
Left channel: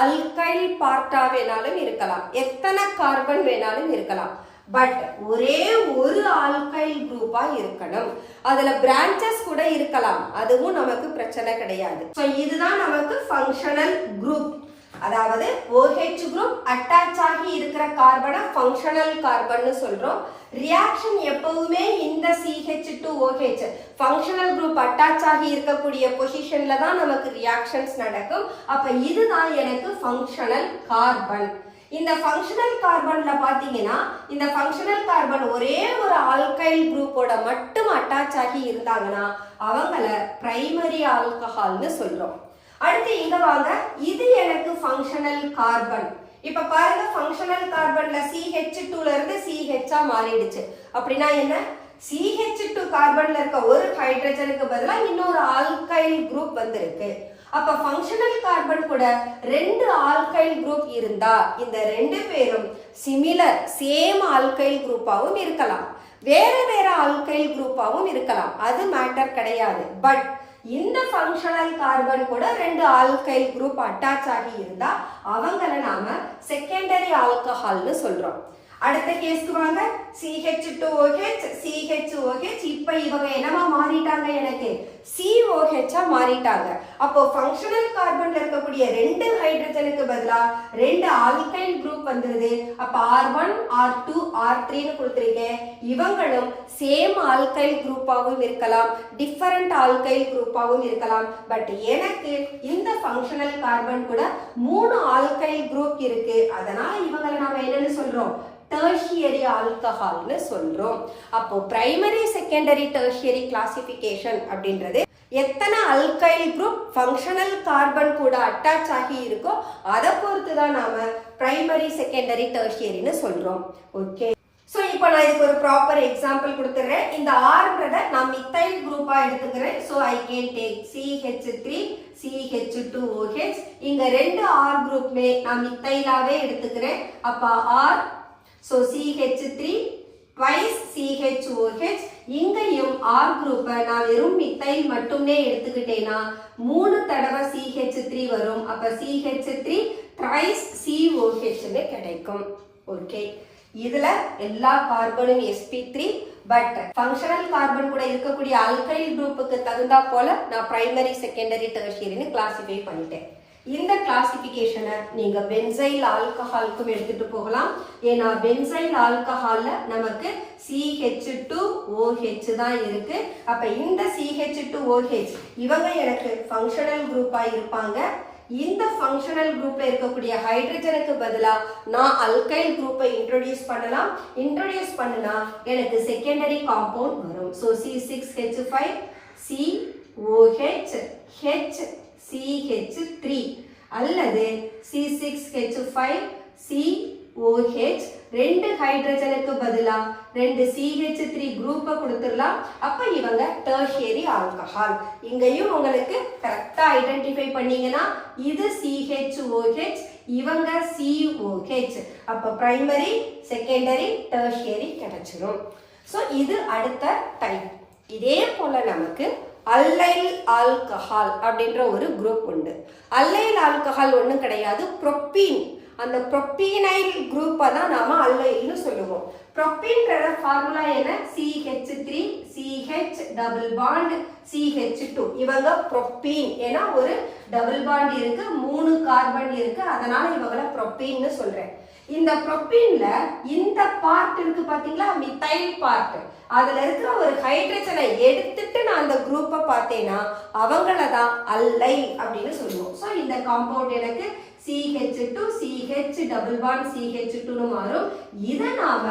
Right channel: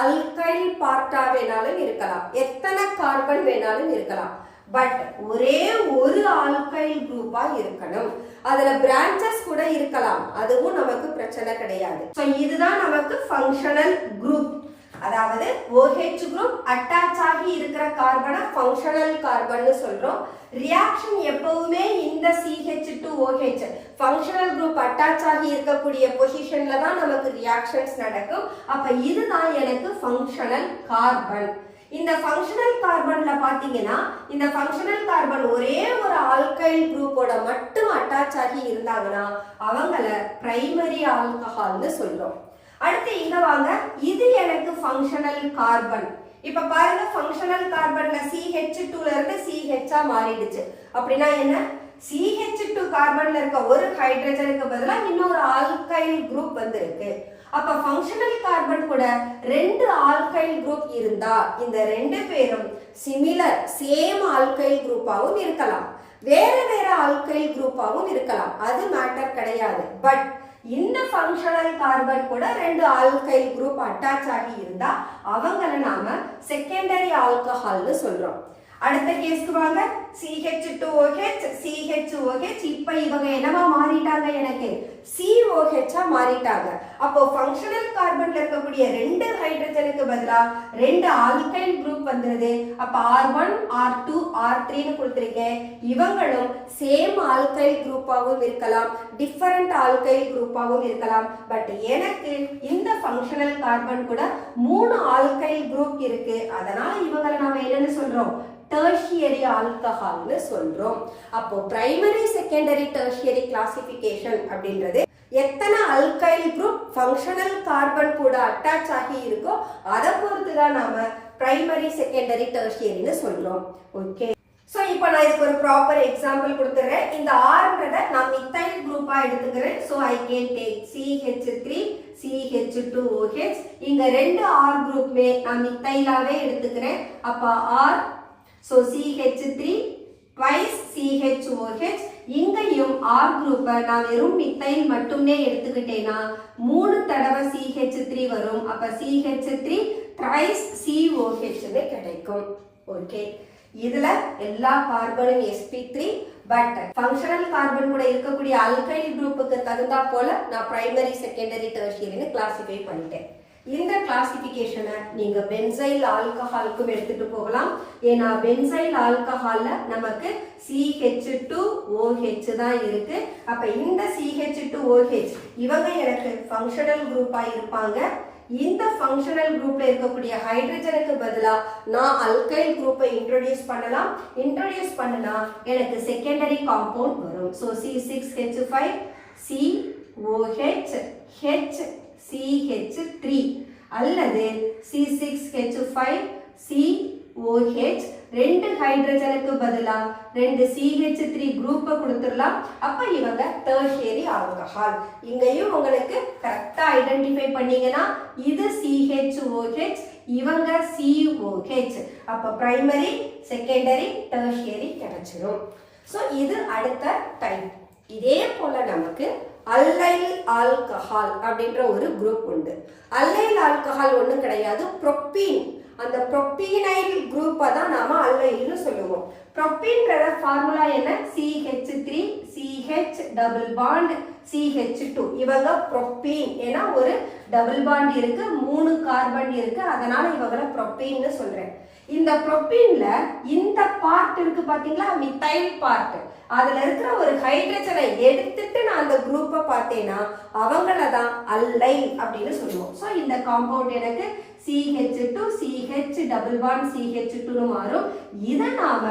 அல்கைல் பார்ட்டா வேணாலும் இருக்கலாம், எத்தனை கார்பன் வேணாலும் இருக்கலாம். பட் ஒரே ஒரு ஆல்கைல் குரூப்பா இருக்கணும். அதுல பிரான்ச்சஸ் கூட இருக்கலாம், அதுவும் நமக்கு பிரச்சனை கிடையாது. ஸோ இதுதான் நமக்கு ஃபங்க்ஷனல் குரூப். அதாவது OH குரூப் அட்டாச் ஆகி இருக்கிற கார்பனை ஃபங்க்ஷனல் கார்பன்னு சொல்றோம். ரியாக்ஷன் எப்பவுமே இந்த CH2OH ஃபங்க்ஷனல் குரூப் அட்டாச் ஆகி இருக்கக்கூடிய பொசிஷன்ல தான் நமக்கு ரியாக்ஷன்ஸ் நடக்கும். அப்ப இதுதான் எனக்கு ஃபங்க்ஷனல் கார்பன். இந்த ஃபங்க்ஷனல் கார்பன்ல பாத்தீங்கன்னா இந்த ஃபங்க்ஷனல் கார்பன் ஒரே ஒரு ஆல்கைல் குரூப்போட மட்டும் அட்டாச் ஆகி இருந்தாங்கன்னா அவங்கள பிரைமரி ஆல்கஹால்னு சொல்றோம். அடுத்து இங்க வாங்க, இது எனக்கு ஃபங்க்ஷனல் கார்பன். இப்ப பாருங்க, ஃபங்க்ஷனல் கார்பன்ல CH2ல இருந்து CH மாறிடுச்சு. அப்படின்னா என்ன? CH2 கார்பன்ல இருக்க ஒரு ஹைட்ரஜனுக்கு பதிலா இன்னொரு ஆல்கைல் குரூப் வந்திருக்கு. அப்ப ஃபங்க்ஷனல் கார்பன் கூட 2 ஆல்கைல் குரூப் இருந்தா இந்த 2 பேரும் சிமிலர் சேம் ஆல்கைல் குரூப்பாவும் இருக்கலாம், வேற வேற ஆல்கைல் குரூப்பாவும் இருக்கலாம், அது மேட்டர் கிடையாது. பட் இந்த ஃபங்க்ஷனல் கார்பன் கூட 2 ஆல்கைல் குரூப் அட்டாச் ஆகி இருந்தா அவங்கள நாம செகண்டரி ஆல்கஹால்னு சொல்றோம். அடுத்த கேஸ்க்கு வாங்க, CH2OH CHOH. இப்ப இவங்க என்னவா மாறிட்டாங்க? எனக்கு COH மாறிட்டாங்க. அப்போ ஃபங்க்ஷனல் கார்பன்ல இருக்கக்கூடிய 2 ஹைட்ரஜனுக்கு பதிலா 2 ஆல்கைல் குரூப் வந்துருது. அப்ப R1 R2 R3ன்னு கொடுத்திருக்கேன். இவங்களும் சேம் ஆல்கைல் குரூப்பாவும் இருக்கலாம், டிஃபரண்ட் ஆல்கைல் குரூப்பாவும் இருக்கலாம். பட் எனக்கு இந்த ஃபங்க்ஷனல் கார்பன் கூட 3 ஆல்கைல் குரூப் இருக்கு. அதனால இவங்களை நாம என்னன்னு சொல்றோம்? டெர்ஷியரி ஆல்கஹால்னு சொல்றோம். அப்போ பிரைமரி, செகண்டரி, டெர்ஷியரி கிளாசிஃபிகேஷன் அப்படின்றது எத்தனை அல்கைல் குரூப் ஃபங்க்ஷனல் கார்பன் கூட அட்டாச் ஆகி இருக்கோ அதை பொறுத்து தான் நாம பிரைமரி, செகண்டரி, டெர்ஷியரின்னு சொல்றோம். ஓகே, ஸோ இப்போ நான் இதுக்கு ஒரு ப்ராப்பர் எக்ஸாம்பிள் கொடுத்துறேன். இந்த ஆர்ன்றதை நான் மித்தைல் குரூப்பா எடுத்துக்கிறேன். So I can take CH3 CH2OH. இங்க 2 R குரூப்மே நான் மித்தைலாவே எடுத்துக்கிறேன். அப்ப R, so CH3 twice CHOH. இங்கேயும் R குரூப்பை நான் வெறும் மித்தைல் மட்டுமே எடுத்துக்கிட்டேன்னா 3 தடவை CH3 வரும். அப்ப CH3 thrice COH கிடைக்கும். ஓகே, இதுல எல்லா கார்பனும் sp3, பட் ஃபங்க்ஷனல் கார்பன் கூட இருக்கக்கூடிய அல்கைல் குரூப்புக்கு தகுந்தா போல நான் பிரைமரி செகண்டரி டெர்ஷியரின்னு கிளாசிஃபை பண்ணிட்டேன். இந்த கிளாசிபிகேஷனை நீங்க பென்சைல் ஆல்கஹாலுக்கும் எடுத்துட்டு போகலாம். ஏன்னா பென்சைல் ஆல்கஹால்ல நமக்கு CH2OH தான் இருக்கு. அப்ப இந்த CH2OH இவங்க எனக்கு ஃபங்க்ஷனல் குரூப்பா இருப்பாங்க. இந்த ஃபங்க்ஷனல் குரூப்ல இருக்கக்கூடிய ஹைட்ரஜனுக்கு பதிலா நான் அல்கைல் குரூப்பை இன்ட்ரோடியூஸ் பண்ணலாம். இன்ட்ரோடியூஸ் பண்ணனா எனக்கு செகண்டரி காம்பவுண்ட் வரும். ஸோ C6H5 COH HCH3 அல்லது C6H5 COH ரெண்டு ஹைட்ரஜனுக்கு பதிலா ரெண்டு CH3 குரூப்பை கொடுத்துடலாம். அப்ப இவங்க டெர்ஷியரி ஆல்கஹால். இங்கேயும் உங்களுக்கு கரெக்டா ஐடென்டிஃபை பண்ணீங்கன்னா இது CHOH இவங்க COH. அப்ப பிரைமரி செகண்டரி டெர்ஷியரி கிடைச்சிரும். ஸோ இது அடுத்த டைப். இதே போல நமக்கு அல்லைல் ஆல்கஹால் அப்படின்ற ஒரு குரூப் உண்டு. அல்லைல் ஆல்கஹால் ஒன்றும் கிடையாது, ப்ரோப்பீன். அந்த ப்ரோப்பீனைல் குரூப்பை தான் நாம அல்லைல்னு சொல்லுவோம். ப்ரோப்பீன்ற ஃபார்முலா என்ன? CH3 CH double bond CH2 இவங்க ப்ரோப்பீன். ஏன்னா ஒரு டபுள் பாண்ட் இருக்கு, 3 கார்பன் இருக்கு, அதனால இவங்களை ப்ரோப்பீன்னு சொல்றேன். இந்த ப்ரோப்பீன்ல இந்த பார்ட் இருக்கு பாத்தீங்களா, மித்தைல் பார்ட். அதுல இருக்கிற ஒரு ஹைட்ரஜனை எடுத்துட்டு நான் அந்த குரூப்பை பார்த்தேன்னா அவங்கள தான் அல்லைல் அப்படின்னு சொல்லுவோம். ஸோ இந்த காம்பவுண்ட் எனக்கு CH2 CH double bond CH2 மாறும். இதை நாம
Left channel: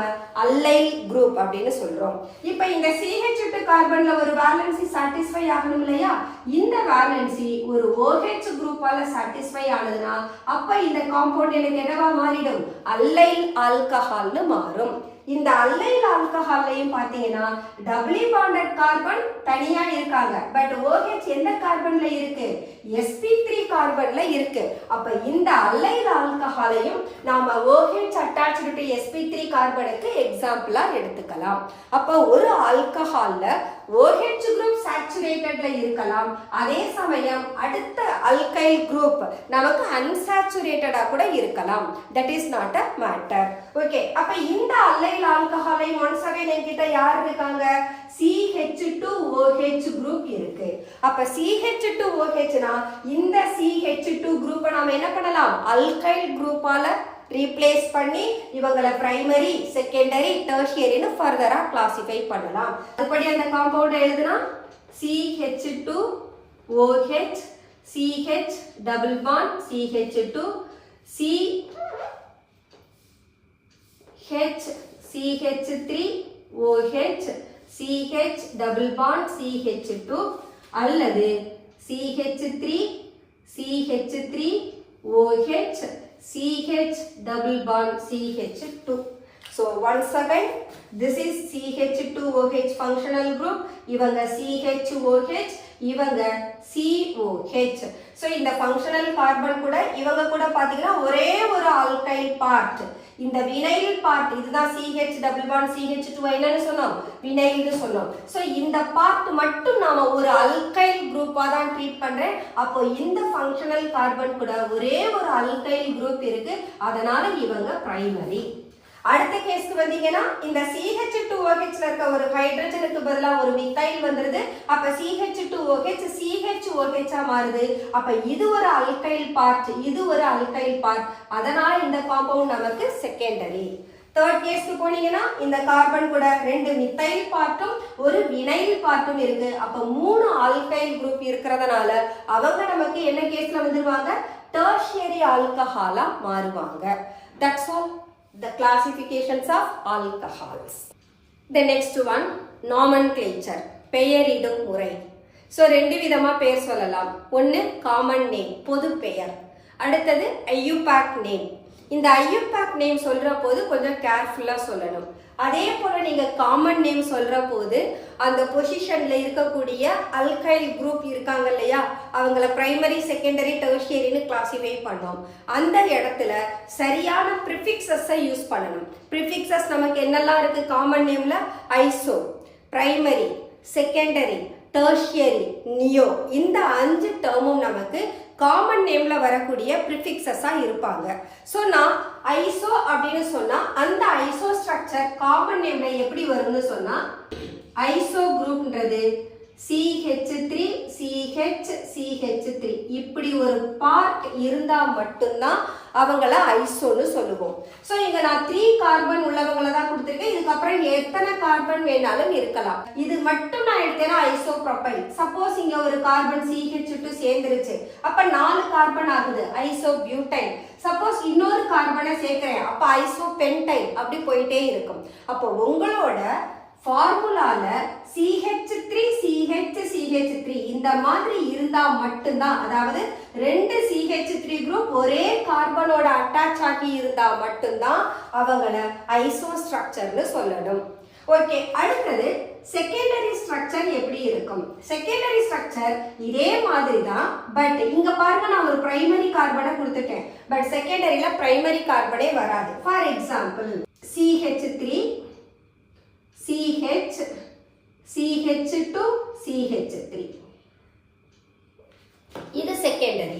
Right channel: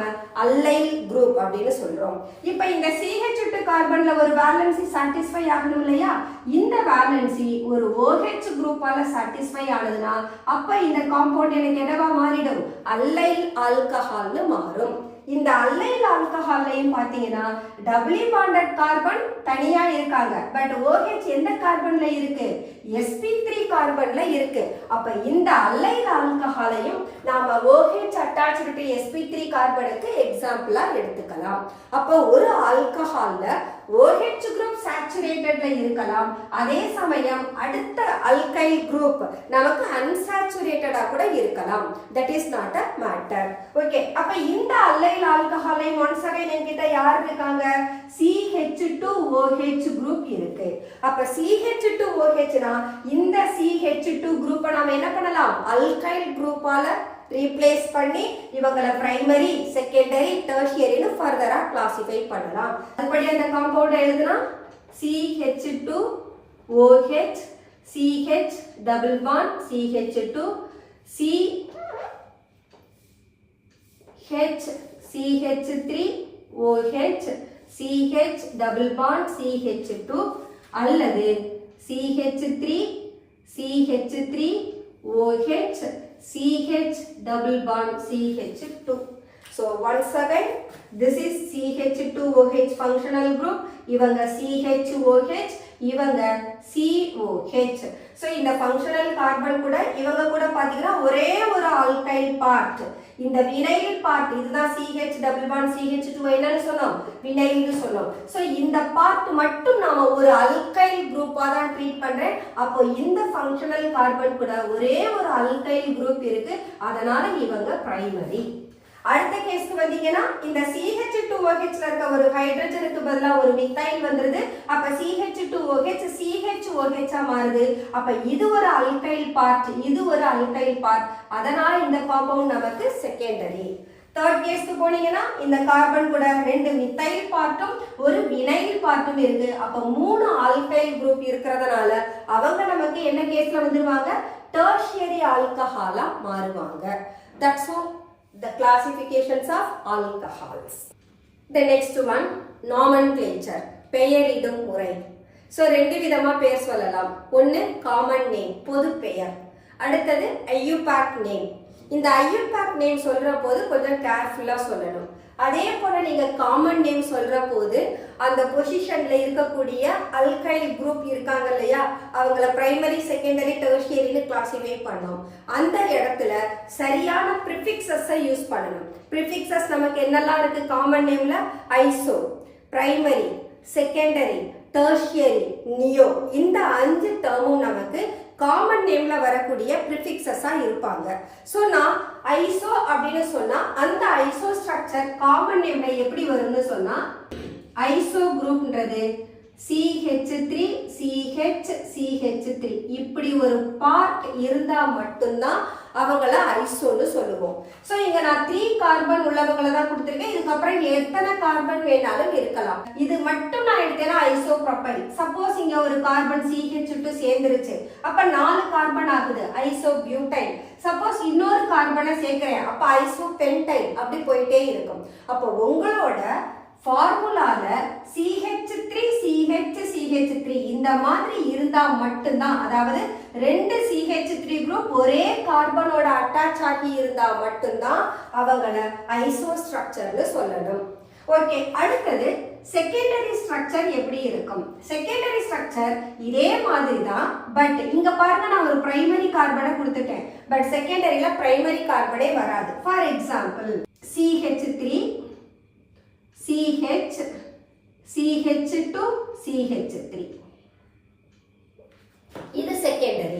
அல்லைல் குரூப் அப்படின்னு சொல்றோம். இப்ப இந்த CH2 கார்பன்ல ஒரு வேலன்சி சாட்டிஸ்ஃபை ஆகணும் இல்லையா? இந்த வேலன்சி ஒரு OH குரூப்பால சாட்டிஸ்ஃபை ஆனதுன்னா அப்ப இந்த காம்பவுண்ட் எனக்கு என்னவா மாறிடும்? அல்லைல் ஆல்கஹால்னு மாறும். இந்த அல்லைல் ஆல்கஹால்லையும் பாத்தீங்கன்னா டபுளி பாண்டட் கார்பன் தனியா இருக்காங்க. பட் OH எந்த கார்பன்ல இருக்கு? sp3 கார்பன்ல இருக்கு. அப்ப இந்த அல்லைல் ஆல்கஹாலையும் நாம OH அட்டாச்டு டு sp3 கார்பனுக்கு எக்ஸாம்பிளா எடுத்துக்கலாம். அப்ப ஒரு ஆல்கஹால்ல OH குரூப் சாச்சுரேட்டட்ல இருக்கலாம், அதே சமயம் அடுத்த அல்கைல் குரூப் நமக்கு அன்சாச்சுரேட்டடா கூட இருக்கலாம். That is not a matter. Okay, அப்ப இந்த அல்லைல் ஆல்கஹாலை ஒன்ஸ் அகைன் என்கிட்ட யார் இருக்காங்க? CH2OH குரூப் இருக்கு. அப்ப CH2OHனா இந்த CH2 குரூப்பை நாம என்ன பண்ணலாம்? அல்கைல் குரூப்பால ரீப்ளேஸ் பண்ணி இவங்களை பிரைமரி செகண்டரி டெர்ஷியரின்னு ஃபர்தரா கிளாசிஃபை பண்ணலாம். அதுபடி அந்த காம்பவுண்ட் எழுதுனா CH2OH CH double bond CH2 CH CH3OH CH double bond CH2 அல்லது CH3 CH3OH CH double bond CH2. So once again, this is CH2OH functional group. இவங்க CHOH, இவங்க COH. So இந்த functional carbon கூட இவங்க கூட பாத்தீங்கன்னா ஒரே ஒரு alkyl part. இந்த vinyl part இதுதான் CH double bond CH2 என்னன்னு சொன்னோம்? வினைல்னு சொன்னோம். So இந்த part மட்டும் நாம ஒரு alkyl group-ஆ தான் ட்ரீட் பண்றேன். அப்போ இந்த functional carbon கூட ஒரே ஒரு alkyl group இருக்கு. அதனால இவங்க primary. அடுத்த கேஸ்க்கு வந்தீங்கன்னா இந்த CH2OH ல இருக்க ஒரு ஹைட்ரஜனுக்கு பதிலா ஒரு மித்தைல் வந்துருது. அப்ப CH2OH CHOH ஆ மாறுது. அப்ப இது ஒரு அல்கைல் பார்ட், இது ஒரு அல்கைல் பார்ட். அதனால இந்த காம்பவுண்ட் நமக்கு செகண்டரி. தேர்ட் கேஸ்க்கு போனீங்கன்னா இந்த கார்பன் கூட ரெண்டு மித்தைல் பார்ட்டும் ஒரு வினைல் பார்ட்டும் இருக்கு. அப்ப 3 ஆல்கைல் குரூப் இருக்கிறதுனால அவங்க நமக்கு என்ன கேஸ்ல வந்துருவாங்க? டெர்ஷியரி ஆல்கஹாலா மாறுவாங்க. That's all. The classifications of alcohols. The next one, nomenclature, பெயரிடும் முறை. So ரெண்டு விதமா பெயர் சொல்லலாம். ஒன்னு காமன் நேம், பொது பெயர். அடுத்தது IUPAC நேம். இந்த IUPAC நேம் சொல்ற போது கொஞ்சம் கேர்ஃபுல்லா சொல்லணும். அதே போல நீங்க காமன் நேம் சொல்ற போது அந்த பொசிஷன்ல இருக்கக்கூடிய அல்கைல் குரூப் இருக்காங்க இல்லையா, அவங்கள பிரைமரி செகண்டரி டெர்ஷியரின்னு கிளாசிஃபை பண்ணோம். அந்த இடத்துல சரியான ப்ரிஃபிக்ஸஸை யூஸ் பண்ணணும். ப்ரிஃபிக்ஸஸ் நமக்கு என்னெல்லாம் இருக்கு காமன் நேம்ல? Iso, primary, secondary, tertiary, neo. இந்த 5 டேர்மும் நமக்கு காமன் நேம்ல வரக்கூடிய ப்ரிஃபிக்ஸஸா இருப்பாங்க. ஸோ நான் ஐசோ அப்படின்னு சொன்னா அந்த ஐசோ ஸ்ட்ரக்சர் காமன் நேம்ல எப்படி வரும்னு சொன்னா ஐசோ குரூப்ன்றது CH3 CH CH3 இப்படி ஒரு பார்ட் இருந்தா மட்டும்தான் அவங்கள ஐசோன்னு சொல்லுவோம். ஸோ இங்க நான் 3 கார்பன் உள்ளவங்களை தான் கொடுத்துருக்கேன். இதுக்கப்புறம் எத்தனை கார்பன் வேணாலும் இருக்கலாம். இது மட்டும் நான் எடுத்தேன்னா ஐசோப்ரோபைல். சப்போஸ் இங்க ஒரு கார்பன் CH2 சேர்ந்துருச்சு, அப்ப 4 கார்பன் ஆகுது ஐசோபியூட்டைல். சப்போஸ் இன்னொரு கார்பனை சேர்க்கிறேன், அப்ப ஐசோபென்டைல். அப்படி போயிட்டே இருக்கும். அப்போ உங்களோட ஃபார்முலால CH3 CH CH3 இந்த மாதிரி இருந்தா மட்டும்தான், அதாவது 2 CH3 குரூப் ஒரே கார்பனோட அட்டாச் ஆகி இருந்தா மட்டும்தான் அவங்கள ஐசோ ஸ்ட்ரக்சர்னு சொல்லணும். ஓகே, அடுத்தது செகண்டரி ஸ்ட்ரக்சர் எப்படி இருக்கும்? செகண்டரி ஸ்ட்ரக்சர் இதே மாதிரி தான், பட் இங்க பாருங்க நான் ஒரு பிரைமரி கார்பனை கொடுத்துட்டேன், பட் செகண்டரியில பிரைமரி கார்பனே வராது. For example CH3 CH CH2 CH3 இது செகண்டரி.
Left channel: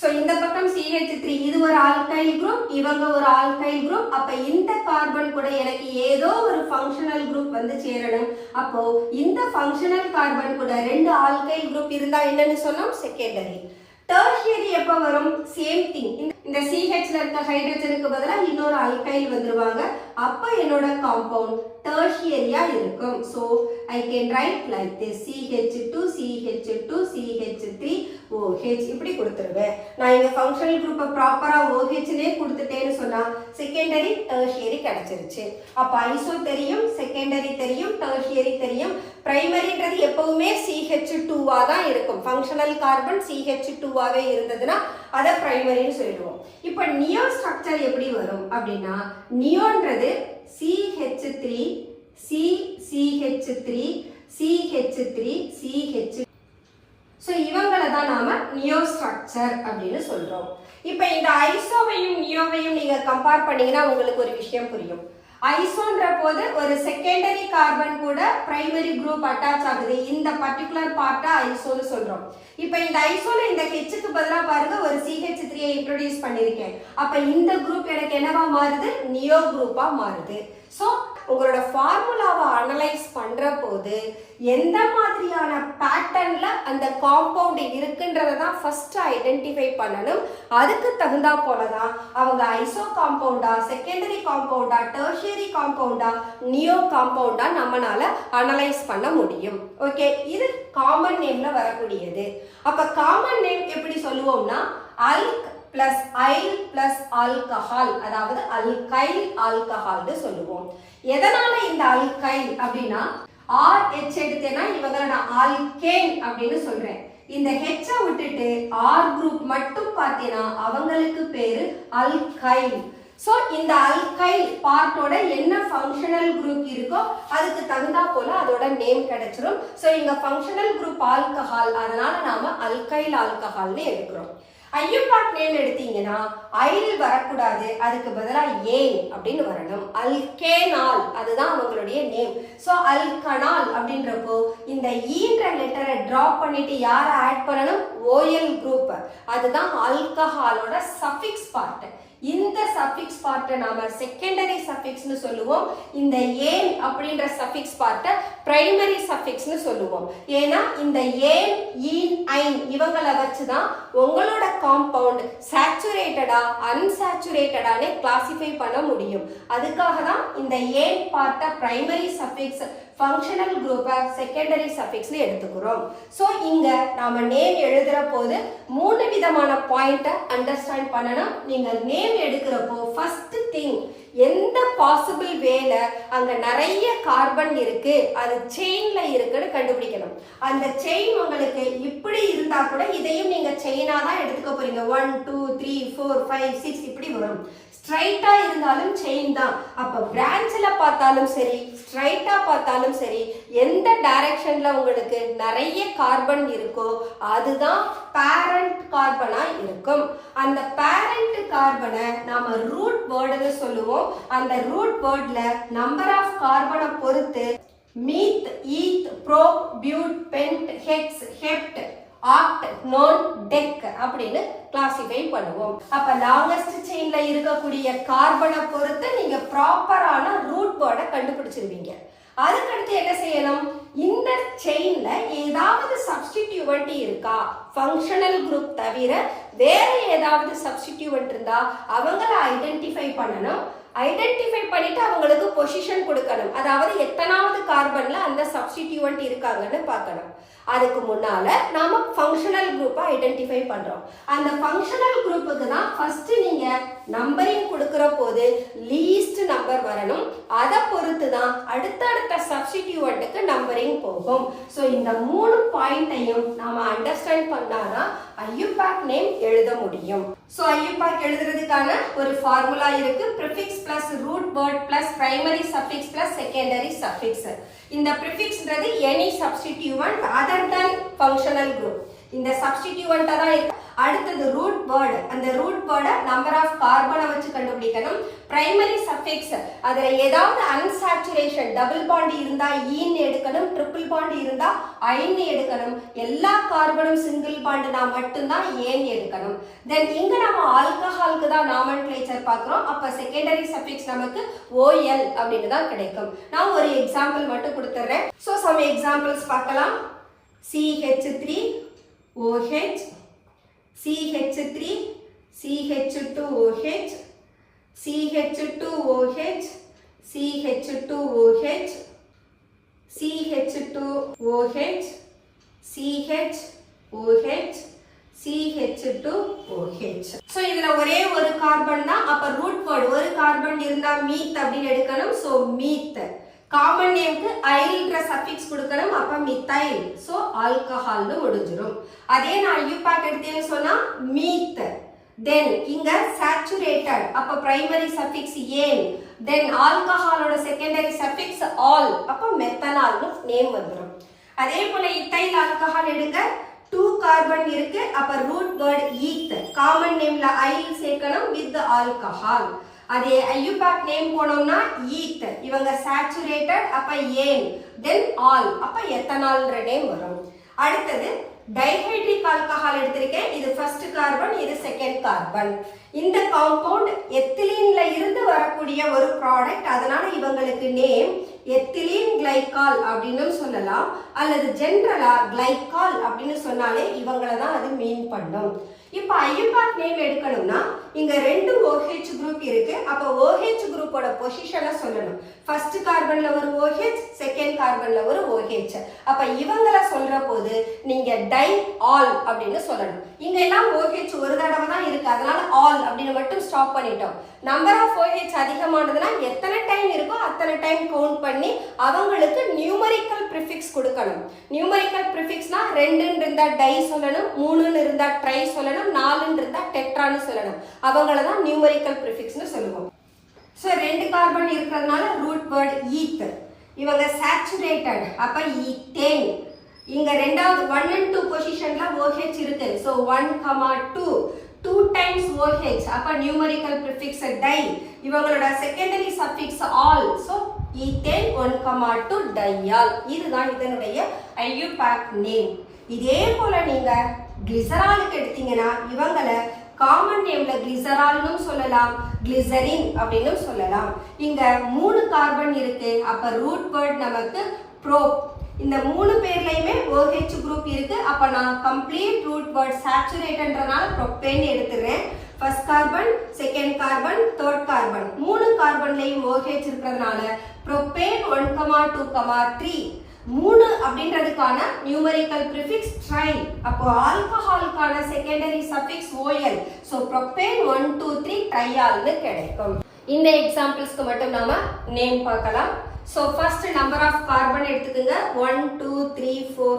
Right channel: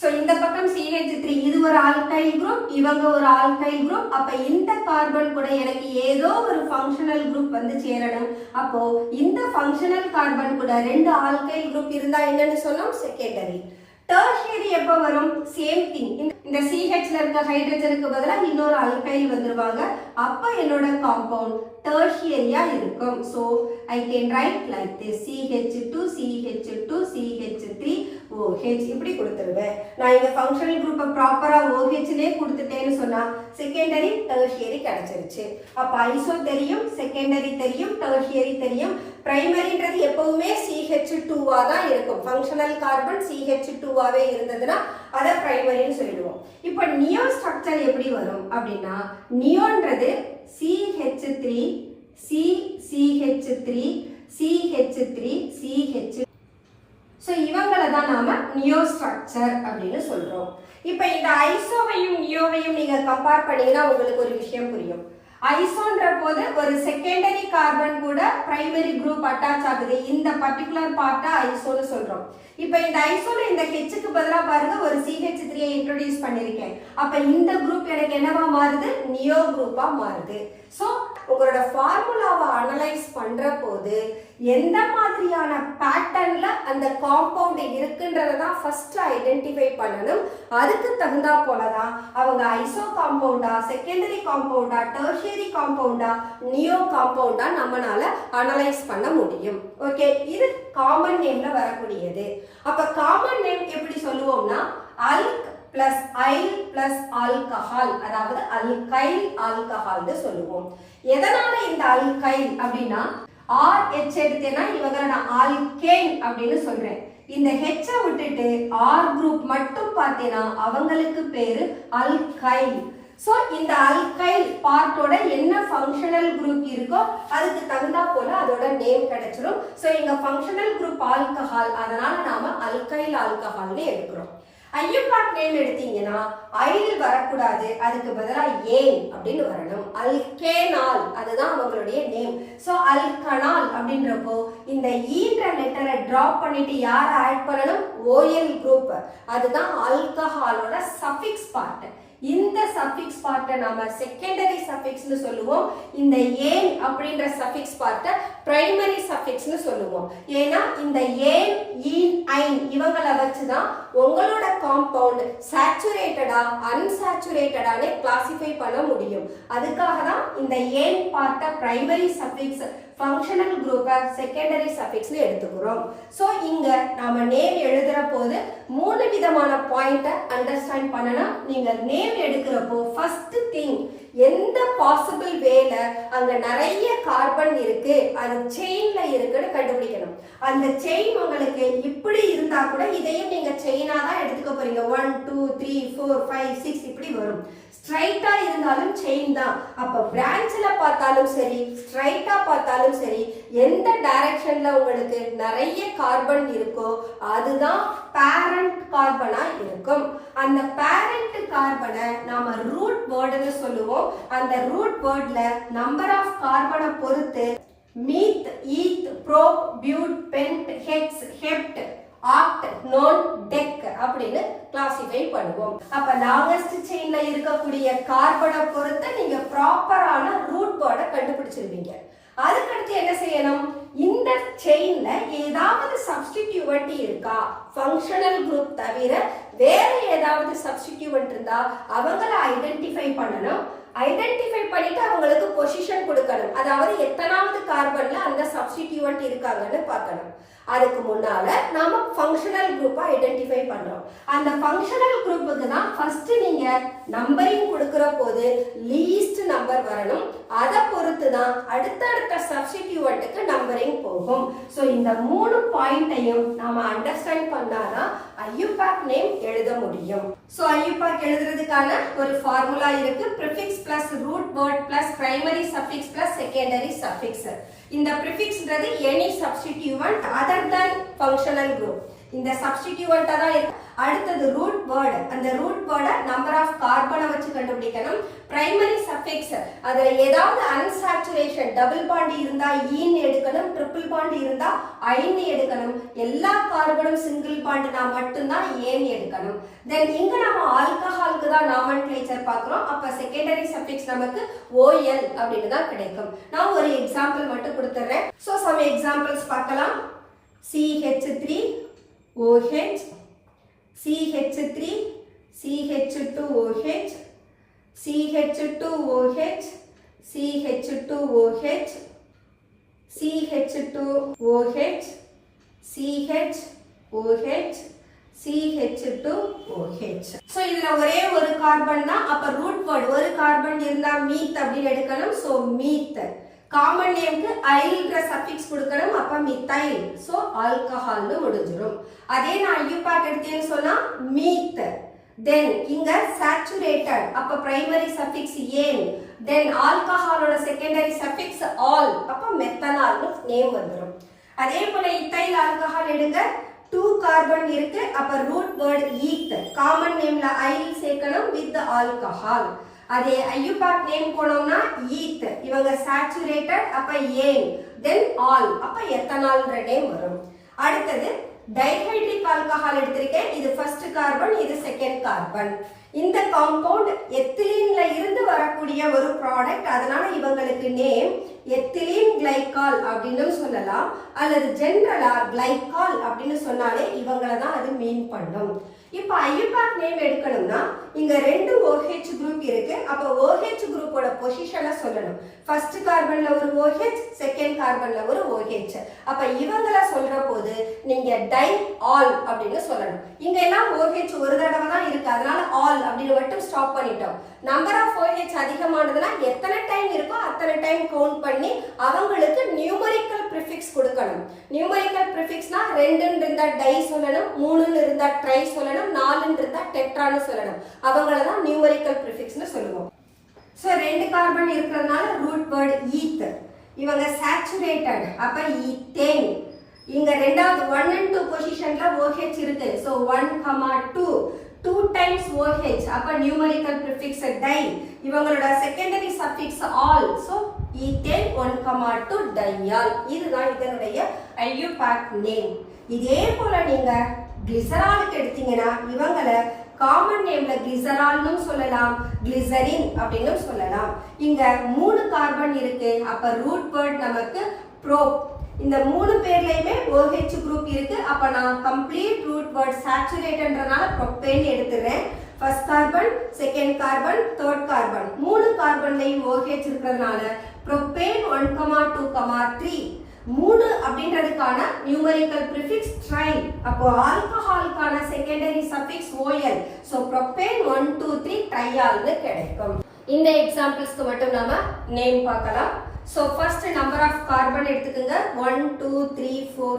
சோ இந்த பக்கம் CH3 இது ஒரு ஆல்கைல் குரூப், இவங்க ஒரு ஆல்கைல் குரூப். அப்ப இந்த கார்பன் கூட எனக்கு ஏதோ ஒரு ஃபங்க்ஷனல் குரூப் வந்து சேரணும். அப்போ இந்த ஃபங்க்ஷனல் கார்பன் கூட 2 ஆல்கைல் குரூப் இருந்தா என்னன்னு சொன்னோம்? செகண்டரி. டெர்ஷியரி எப்ப வரும்? Same thing. இந்த CHல இருக்க ஹைட்ரஜனுக்கு பதிலாக இன்னொரு அல்கைல் வந்துருவாங்க. அப்ப என்னோட காம்பவுண்ட் டெர்ஷியரியா இருக்கும். So I can write like this CH2 CH2 CH3 OH இப்படி கொடுத்துருவேன். நான் இங்க ஃபங்க்ஷனல் குரூப்பை ப்ராப்பரா OHனே கொடுத்துட்டேன்னு சொன்னா செகண்டரி டெர்ஷியரி கிடைச்சிருச்சு. அப்ப ஐசோ தெரியும், செகண்டரி தெரியும், டெர்ஷியரி தெரியும். பிரைமரின்றது எப்பவுமே CH2வா தான் இருக்கும். ஃபங்க்ஷனல் கார்பன் CH2வாவே இருந்ததுன்னா அதை பிரைமரின்னு சொல்லிடுவோம். இப்போ நியோ ஸ்ட்ரக்சர் எப்படி வரும் அப்படின்னா, நியோன்றது CH3 CH3 CH3 CH. So இவங்களை தான் நாம நியோ ஸ்ட்ரக்சர் அப்படின்னு சொல்றோம். இப்போ இந்த ஐசோவையும் நியோவையும் நீங்க கம்பேர் பண்ணீங்கன்னா உங்களுக்கு ஒரு விஷயம் புரியும். ஐசோன்ற போது ஒரு செகண்டரி கார்பன் கூட பிரைமரி குரூப் அட்டாச் ஆகுது. இந்த பர்டிகுலர் பார்ட்டா ஐசோன்னு சொல்றோம். இப்போ இந்த ஐசோல இந்த ஹெச்சுக்கு பதிலா பாருங்க ஒரு CH3 இன்ட்ரோடியூஸ் பண்ணிருக்கேன். அப்ப இந்த குரூப் எனக்கு என்னவா மாறுது? நியோ குரூப்பா மாறுது. ஸோ உங்களோட ஃபார்முலாவை அனலைஸ் பண்ற போது எந்த மாதிரியான பேட்டர்ன்ல அந்த காம்பவுண்ட் இருக்குன்றத தான் ஃபர்ஸ்ட் ஐடென்டிஃபை பண்ணணும். அதுக்கு தகுந்தா போலதான் அவங்க ஐசோ காம்பவுண்டா, செகண்டரி காம்பவுண்டா, டெர்ஷியரி காம்பவுண்டா, நியோ காம்பவுண்டா நம்மளால அனலைஸ் பண்ண முடியும். ஓகே, இது காமன் நேம்ல வரக்கூடியது. அப்ப காமன் நேம் எப்படி சொல்லுவோம்னா அல்க் பிளஸ் ஐல் பிளஸ் ஆல்கஹால், அதாவது அல்கைல் ஆல்கஹால்னு சொல்லுவோம். எதனால இந்த அல்கைல் அப்படின்னா RH எடுத்தேன்னா இவங்களை நான் ஆல்கேன் அப்படின்னு சொல்றேன். இந்த H விட்டுட்டு R குரூப் மட்டும் பார்த்தேன்னா அவங்களுக்கு பேரு அல்கைல். சோ இந்த அல்கைல் பார்ட்டோட என்ன ஃபங்க்ஷனல் குரூப் இருக்கோ அதுக்கு தகுந்தா போல அதோட நேம் கிடைச்சிரும். சோ இங்க ஃபங்க்ஷனல் குரூப் ஆல்கஹால், அதனால நாம அல்கைல் ஆல்கஹால்னு எடுக்கிறோம். ஐயூபாட் நேம் எடுத்தீங்கன்னா ஐல் வரக்கூடாது, அதுக்கு பதிலாக ஏன் அப்படின்னு வரணும். அல்கேனால் அதுதான் அவங்களுடைய நேம். ஸோ அல்கனால் அப்படின்றப்போ இந்த ஈன்ற லெட்டரை டிராப் பண்ணிட்டு யாரை ஆட் பண்ணணும்? OL group. அதுதான் ஆல்கஹாலோட சஃபிக்ஸ் பார்ட். இந்த சஃபிக்ஸ் பார்ட்டை நாம செகண்டரி சஃபிக்ஸ்னு சொல்லுவோம். இந்த ஏன் அப்படின்ற சஃபிக்ஸ் பார்ட்டை பிரைமரி சஃபிக்ஸ்னு சொல்லுவோம். ஏன்னா இந்த ஏன், ஈன், ஐன் இவங்களை வச்சுதான் உங்களோட காம்பவுண்ட் சேச்சுரேட்டடா அன்சாச்சுரேட்டடானே கிளாசிஃபை பண்ண முடியும். அதுக்காக தான் இந்த ஏன் பார்ட்டை பிரைமரி சஃபிக்ஸ், ஃபங்க்ஷனல் குரூப்பை செகண்டரி சஃபிக்ஸ்னு எடுத்துக்கிறோம். ஸோ இங்க நாம நேம் எழுதுற போது 3 விதமான பாயிண்ட்டை அண்டர்ஸ்டாண்ட் பண்ணணும். நீங்க நேம் எடுக்கிறப்போ ஃபர்ஸ்ட் திங் எந்த பாசிபிள் வேல அங்க நிறைய கார்பன் இருக்கு, அது செயின்ல இருக்குன்னு கண்டுபிடிக்கணும். அந்த செயின் உங்களுக்கு இப்படி இருந்தா கூட இதையும் நீங்க செயினா தான் எடுத்துக்க போறீங்க. 1 2 3 4 5 6 இப்படி வரும். ஸ்ட்ரைட்டா இருந்தாலும் செயின் தான். அப்ப பிரான்ச்ல பார்த்தாலும் சரி, ஸ்ட்ரைட்டா பார்த்தாலும் சரி, எந்த டைரக்ஷன்ல உங்களுக்கு நிறைய கார்பன் இருக்கோ அதுதான் பேரண்ட் கார்பனா இருக்கும். அந்த பேரண்ட் கார்பனை நாம ரூட் வேர்டுன்னு சொல்லுவோம். அந்த ரூட் வேர்ட்ல நம்பர் ஆஃப் கார்பனை பொறுத்து meth, eth, prop, but, pent, hex, hept oct, non, dec அப்படின்னு கிளாசிஃபை பண்ணுவோம். அப்ப லாங்கஸ்ட் செயின்ல இருக்கக்கூடிய கார்பனை பொறுத்து நீங்க ப்ராப்பரான ரூட் வேர்டை கண்டுபிடிச்சிருவீங்க. அதுக்கடுத்து என்ன செய்யணும், இந்த செயின்ல ஏதாவது சப்ஸ்டிடியூவன்ட் இருக்கா, ஃபங்க்ஷனல் குரூப் தவிர வேற ஏதாவது சப்ஸ்டிடியூவன்ட் இருந்தா அவங்கள ஐடென்டிஃபை பண்ணணும். ஐடென்டிஃபை பண்ணிட்டு அவங்களுக்கு பொசிஷன் கொடுக்கணும். அதாவது எத்தனாவது கார்பன்ல அந்த சப்ஸ்டிடியூவன்ட் இருக்காங்கன்னு பார்க்கணும். அதுக்கு முன்னால நாம ஃபங்க்ஷனல் குரூப்பை ஐடென்டிஃபை பண்றோம். அந்த ஃபங்க்ஷனல் குரூப்புக்கு தான் ஃபர்ஸ்ட் நீங்க நம்பரிங் கொடுக்கிற போது லீஸ்ட் நம்பர் வரணும். அதை பொறுத்து தான் அடுத்தடுத்த சப்ஸ்டிடியூவன்ட்டுக்கு நம்பரிங் போகும். ஸோ இந்த 3 பாயிண்ட்டையும் நாம அண்டர்ஸ்டாண்ட் பண்ணாதான் ஐயூபாக் நேம் எழுத முடியும். ஸோ ஐயூபாக் எழுதுறதுக்கான ஒரு ஃபார்முலா இருக்கு. Prefix plus root word plus primary suffix plus secondary suffix. இந்த ப்ரிஃபிக்ஸ்ன்றது any substituent other than functional group. இந்த சப்ஸ்டிடியூவன்ட்டா தான் இருக்கு. அடுத்தது ரூட் வேர்ட். அந்த ரூட் வேர்டை நம்பர் ஆஃப் கார்பனை வச்சு கண்டுபிடிக்கணும். பிரைமரி சஃபிக்ஸ், அதுல ஏதாவது அன்சாச்சுரேஷன் டபுள் பாண்ட் இருந்தா ஈன்னு எடுக்கணும், ட்ரிபிள் பாண்ட் இருந்தா ஐன்னு எடுக்கணும். எல்லா கார்பனும் சிங்கிள் பாண்ட்னா மட்டும்தான் ஏன்னு எடுக்கணும். தென் இங்க நம்ம ஆல்கஹாலுக்கு தான் நாமன்க்ளேச்சர் பார்க்கிறோம். அப்ப செகண்டரி சஃபிக்ஸ் நமக்கு OL அப்படின்னு தான் கிடைக்கும். நான் ஒரு எக்ஸாம்பிள் மட்டும் கொடுத்துறேன். ஸோ சம் எக்ஸாம்பிள்ஸ் பார்க்கலாம். CH3 OH, CH3 CH2OH, CH2OH, CH2OH, CH2OH, CHOH, CH2OH. So இதுல ஒரே ஒரு கார்பன் தான். அப்ப ரூட் வேர்ட் ஒரு கார்பன் இருந்தா மீத் அப்படின்னு எடுக்கணும். ஸோ மீத். காமன் நேம்க்கு ஐல்ன்ற சஃபிக்ஸ் கொடுக்கணும். அப்ப மித்தைல். ஸோ ஆல்கஹால்னு முடிஞ்சிடும். அதே நான் ஐயூபாக் எடுத்தேன்னு சொன்னா மீத். தென் இங்க சேச்சுரேட்டட். அப்ப பிரைமரி சஃபிக்ஸ் ஏன். தென் ஆல்கஹாலோட செகண்டரி சஃபிக்ஸ் ஆல். அப்ப மெத்தனால்னு நேம் வந்துடும். அதே போல இத்தைல் ஆல்கஹால் எடுங்க. 2 கார்பன் இருக்கு. அப்ப ரூட் வேர்ட் ஈத். காமன் நேம்ல ஐல் சேர்க்கணும் வித் ஆல்கஹால். அதே ஐயூபாக் நேம் போனோம்னா ஈத். இவங்க சேச்சுரேட்டட். அப்ப ஏன். Then all. அப்ப எத்தனால்ன்ற நேம் வரும். அடுத்தது டைஹைட்ரிக் ஆல்கஹால் எடுத்திருக்கேன். இது ஃபர்ஸ்ட் கார்பன், இது செகண்ட் கார்பன். இந்த காம்பவுண்ட் எத்திலீன்ல இருந்து வரக்கூடிய ஒரு ப்ராடக்ட். அதனால இவங்களுக்கு நேம் எத்திலீன் கிளைகால் அப்படின்னு சொல்லலாம். அல்லது ஜெனரலா கிளைகால் அப்படின்னு சொன்னாலே இவங்கள தான் அது மீன் பண்ணும். இப்போ ஐயூபாக் நேம் எடுக்கணும்னா இங்க 2 OH குரூப் இருக்கு. அப்ப OH குரூப்போட பொசிஷனை சொல்லணும். ஃபர்ஸ்ட் கார்பன்ல ஒரு OH, செகண்ட் கார்பன்ல ஒரு OH. அப்ப இவங்கள சொல்ற போது நீங்க டை ஆல் அப்படின்னு சொல்லணும். இங்க எல்லாம் OH ஒரு தடவை தான் இருக்கு. அதனால ஆல் அப்படின்னு மட்டும் ஸ்டாப் பண்ணிட்டோம். நம்பர் ஆஃப் OH அதிகமானதுன்னா எத்தனை டைம் இருக்கோ அத்தனை டைம் கவுண்ட் பண்ணி அவங்களுக்கு நியூமரிக்கல் ப்ரிஃபிக்ஸ் கொடுக்கணும். நியூமரிக்கல் ப்ரிஃபிக்ஸ்னா 2ன்னு இருந்தா டை சொல்லணும், 3ன்னு இருந்தா ட்ரை சொல்லணும், 4ன்னு இருந்தா டெட்ரான்னு சொல்லணும். அவங்கள தான் நியூமரிக்கல் ப்ரிஃபிக்ஸ்னு சொல்லுவோம். ஸோ 2 கார்பன் இருக்கிறதுனால ரூட் வேர்ட் ஈத். இவங்க சேச்சுரேட்டட். அப்ப ஈத்தேன். இங்க ரெண்டாவது 1 and 2 பொசிஷன்ல OH இருக்கு. So 1, 2 times OH. அப்ப நியூமரிக்கல் ப்ரிஃபிக்ஸ் டை. இவங்களோட secondary suffix all. So ethane 1, 2 டையால். இதுதான் இதனுடைய ஐயூபாக் நேம். இதே போல நீங்க கிளிசராலுக்கு எடுத்தீங்கன்னா இவங்கள காமன் நேம்ல கிளிசரால்னு சொல்லலாம், கிளிசரின் அப்படின்னு சொல்லலாம். இங்க 3 கார்பன் இருக்கு. அப்ப ரூட் வேர்ட் நமக்கு ப்ரோப். இந்த 3 பேர்லயுமே OH குரூப் இருக்கு. அப்ப நான் கம்ப்ளீட் ரூட் வேர்ட் சேச்சுரேட்டட்ன்றனால ப்ரோப்பேன் எடுத்துறேன். First carbon, second carbon, third carbon. 3 கார்பன்லயும் OH இருக்கிறதுனால ப்ரோப்பேன் 1, 2, 3. 3 அப்படின்றதுக்கான நியூமரிக்கல் ப்ரிஃபிக்ஸ் ட்ரை. அப்போ ஆல்கஹாலுக்கான secondary suffix OL. So propane 1, 2, 3 ட்ரையால்னு கிடைக்கும். இந்த எக்ஸாம்பிள்ஸ்க்கு மட்டும் நாம நேம் பார்க்கலாம். So first number of carbon எடுத்துக்கோங்க. 1, 2, 3, 4,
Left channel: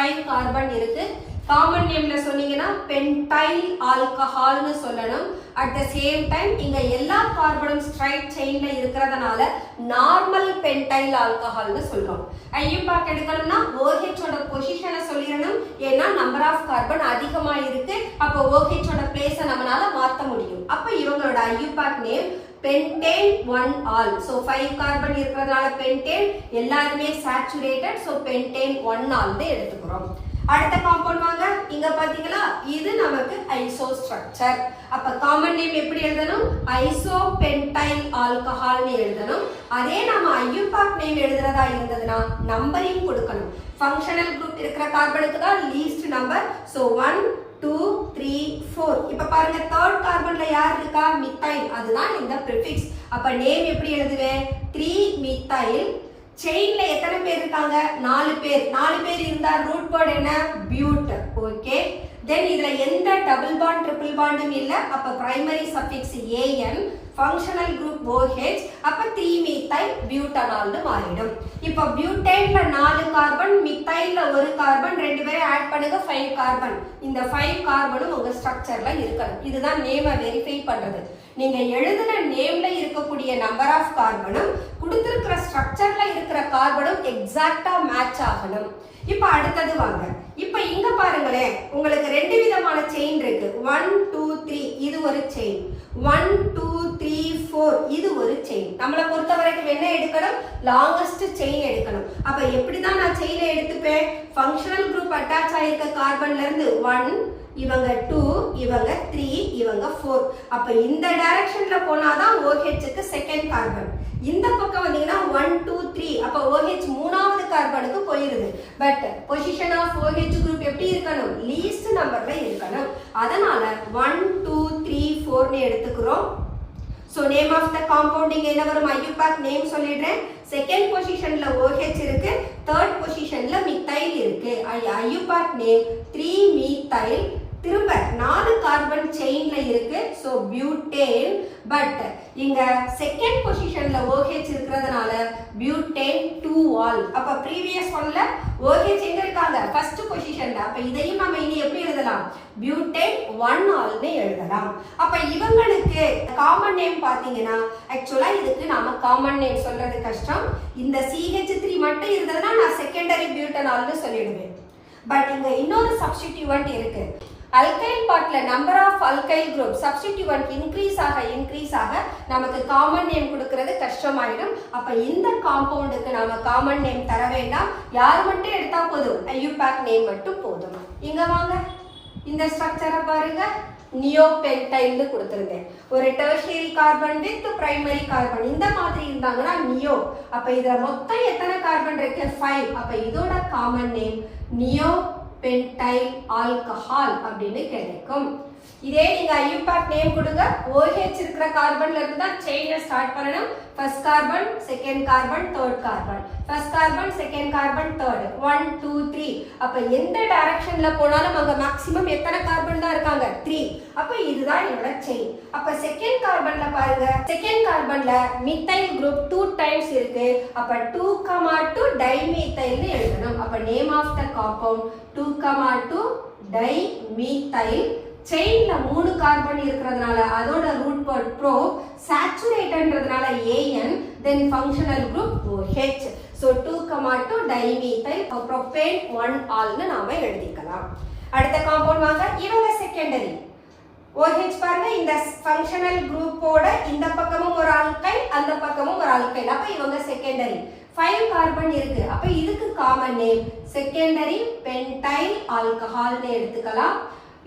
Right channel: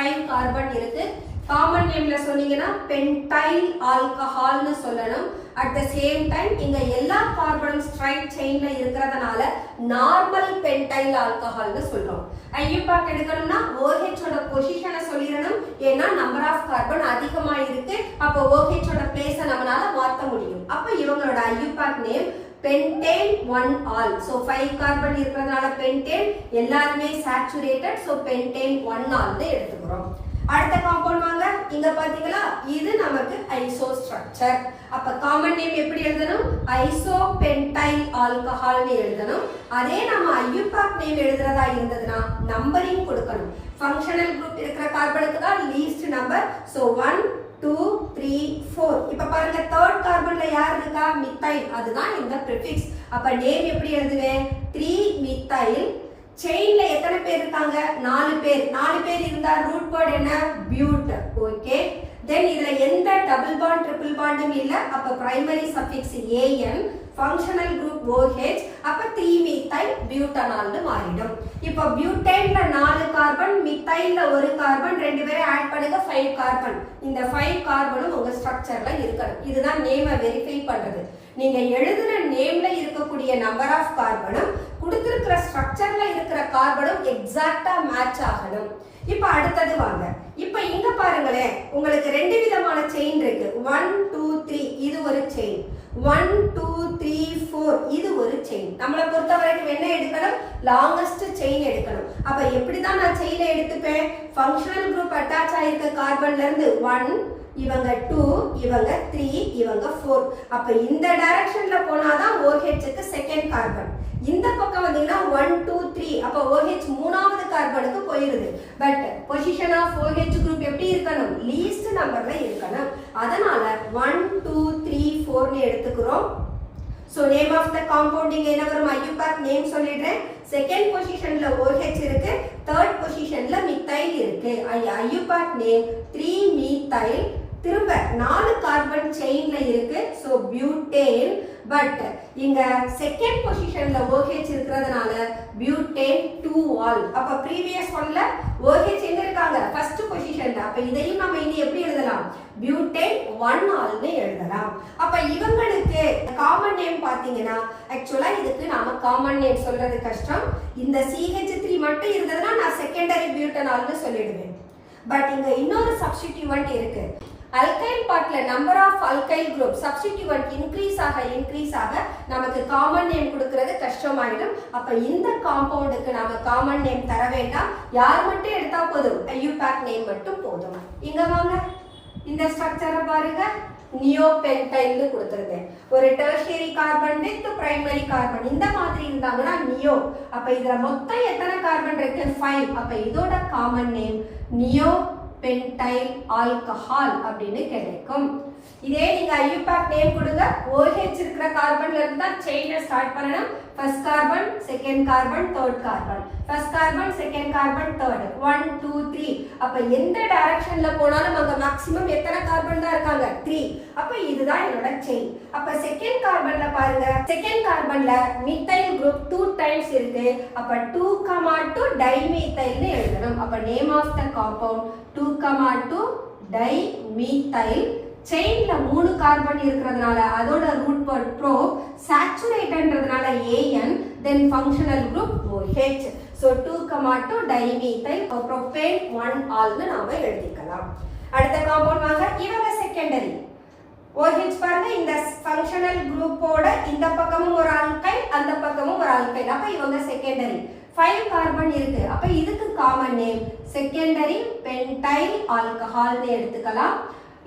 5 கார்பன் இருக்கு. காமன் நேம்ல சொன்னீங்கன்னா பென்டைல் ஆல்கஹால்னு சொல்லணும். அட் த சேம் டைம் இங்க எல்லா கார்பனும் ஸ்ட்ரைட் செயின்ல இருக்கிறதுனால நார்மல் பென்டைல் ஆல்கஹால்னு சொல்றோம். ஐயூபாக் எடுக்கணும்னா OH ஓட பொசிஷனை சொல்லிடணும். ஏன்னா நம்பர் ஆஃப் கார்பன் அதிகமா இருக்கு. அப்போ OH ஓட பிளேஸை நம்மளால மாற்ற முடியும். அப்ப இவங்களோட IUPAC name pentane 1 so 5 carbon இருக்கிறதுனால pentane எல்லாருமே saturated so pentane 1 எடுத்துக்கிறோம். அடுத்த காம்பவுண்ட் வாங்க. இங்க பாத்தீங்களா, இது நமக்கு ஐசோ ஸ்ட்ரக்சர். அப்ப காமன் நேம் எப்படி எழுதணும்? ஐசோபென்டைல் ஆல்கஹால்னு எழுதணும். அதே நாம ஐயூபாக் நேம் எழுதுறதா இருந்ததுன்னா நம்பரிங் கொடுக்கணும். ஃபங்க்ஷனல் குரூப் இருக்கிற கார்பனுக்கு தான் லீஸ்ட் நம்பர். சோ 1 2 3 4. இப்ப பாருங்க, தேர்ட் கார்பன்ல யார் இருக்கா? மித்தைல். அதுதான் இந்த ப்ரிஃபிக்ஸ். அப்ப நேம் எப்படி எழுதுவேன்? 3 மித்தைல். செயின்ல எத்தனை பேர் இருக்காங்க? 4 பேர். 4 பேர் இருந்தா ரூட் வேர்ட் என்ன? பியூட். ஓகே. தென் இதுல எந்த டபுள் பாண்ட் ட்ரிபிள் பாண்டும் இல்ல. அப்ப primary suffix an, functional group OH. அப்ப 3 மீத்தைல் பியூட்டனால்னு மாறிடும். இப்போ பியூட்டைன்ல 4 கார்பன், மித்தைல்ல ஒரு கார்பன், ரெண்டு பேரும் ஆட் பண்ணுங்க 5 கார்பன். இந்த 5 கார்பனும் உங்க ஸ்ட்ரக்சர்ல இருக்கணும். இதுதான் நேமை வெரிஃபை பண்றது. நீங்க எழுதுன நேம்ல இருக்கக்கூடிய நம்பர் ஆஃப் கார்பனும் கொடுத்திருக்கிற ஸ்ட்ரக்சர்ல இருக்கிற கார்பனும் எக்ஸாக்ட்டா மேட்ச் ஆகணும். இப்ப அடுத்தது வாங்க. இப்ப இங்க பாருங்களேன், உங்களுக்கு ரெண்டு விதமான செயின் இருக்கு. 1 2 3 இது ஒரு செயின். 1 2 3 4 இது ஒரு செயின். நம்மளை பொறுத்த வரைக்கும் என்ன எடுக்கணும்? லாங்கஸ்ட் செயின் எடுக்கணும். அப்ப எப்படிதான் நான் செயினை எடுத்துப்பேன்? ஃபங்க்ஷனல் குரூப் அட்டாச் ஆயிருக்க கார்பன்ல இருந்து 1, இவங்க 2, இவங்க 3, இவங்க 4. அப்ப இந்த டைரக்ஷன்ல போனாதான் OH-க்கு செகண்ட் கார்பன். இந்த பக்கம் வந்தீங்கன்னா 1 2 3. அப்ப OH மூணாவது கார்பனுக்கு போயிருது. But position of OH group எப்படி இருக்கணும்? லீஸ்ட் நம்பர்ல இருக்கணும். அதனால 1 2 3 4 னு எடுத்துக்கிறோம். So name of the compounding என்ன வரும்? IUPAC நேம் சொல்லிடுறேன். செகண்ட் பொசிஷன்ல OH இருக்கு, தேர்ட் பொசிஷன்ல மித்தைல் இருக்கு. IUPAC name 3 methyl. திரும்ப 4 கார்பன் செயின்ல இருக்கு. So butane. பட் இங்க செகண்ட் பொசிஷன்ல OH இருக்கிறதுனால பியூட்டேன் 2 ஆல். அப்ப ப்ரீவியஸ் ஒன்ல OH எங்க இருக்காங்க? ஃபர்ஸ்ட் பொசிஷன்ல. அப்ப இதையும் நம்ம இனி எப்படி எழுதலாம்? பியூட்டேன் 1 ஆல்னு எழுதலாம். அப்ப இவங்களுக்கு காமன் நேம் பாத்தீங்கன்னா, ஆக்சுவலா இதுக்கு நாம காமன் நேம் சொல்றது கஷ்டம். இந்த CH3 மட்டும் இருந்ததுன்னா நான் செகண்டரி பியூட்டனால்னு சொல்லிடுவேன். பட் இங்க இன்னொரு சப்ஸ்டிட்யூவன்ட் இருக்கு. அல்கைல் பார்ட்ல number of alkyl group substituent increase ஆக நமக்கு காமன் நேம் கொடுக்கிறது கஷ்டமாயிடும். அப்ப இந்த காம்பவுண்டுக்கு நாம காமன் நேம் தர வேண்டாம். யார் மட்டும் எடுத்தா போதும்? IUPAC நேம் மட்டும் போதும். இங்க வாங்க, இந்த ஸ்ட்ரக்சரை பாருங்க. நியோபென்டைல்னு கொடுத்துருக்கேன். ஒரு tertiary carbon with primary carbon இந்த மாதிரி இருந்தாங்கன்னா நியோ. அப்ப இதுல மொத்தம் எத்தனை கார்பன் இருக்கு? 5. அப்ப இதோட common name neo pentyl alcohol அப்படின்னு கிடைக்கும். இதே நீங்க IUPAC நேம் கொடுங்க. OH இருக்கிற கார்பன்ல இருந்து தான் செயினை ஸ்டார்ட் பண்ணணும். First carbon, second carbon, third carbon, first carbon, second carbon, third, 1 2 3. அப்ப எந்த டைரக்ஷன்ல போனாலும் அங்க மேக்ஸிமம் எத்தனை கார்பன் தான் இருக்காங்க? 3. அப்ப இதுதான் என்னோட செயின். அப்ப செகண்ட் கார்பன்ல பாருங்க, செகண்ட் கார்பன்ல மித்தைல் குரூப் 2 டைம்ஸ் இருக்கு. அப்ப 2,2 டைமீத்தைல்னு எழுதணும். அப்ப name of the compound 2,2 dimethyl. செயின்ல 3 கார்பன் இருக்கிறதுனால அதோட ரூட் வேர்ட் ப்ரோ, சேச்சுரேட்டன்றதுனால AN, then functional group OH. So 2,2 dimethyl propane 1 ஆல்னு நாம எழுதிக்கலாம். அடுத்த காம்பவுண்ட் வாங்க. இவங்க செகண்டரி. OH பாருங்க, இந்த ஃபங்க்ஷனல் குரூப்போட இந்த பக்கமும் ஒரு ஆல்கைல், அந்த பக்கமும் ஒரு ஆல்கைல். அப்ப இவங்க செகண்டரி. 5 கார்பன் இருக்கு. அப்ப இதுக்கு காமன் நேம் செகண்டரி பென்டைல் ஆல்கஹால்னு எடுத்துக்கலாம்.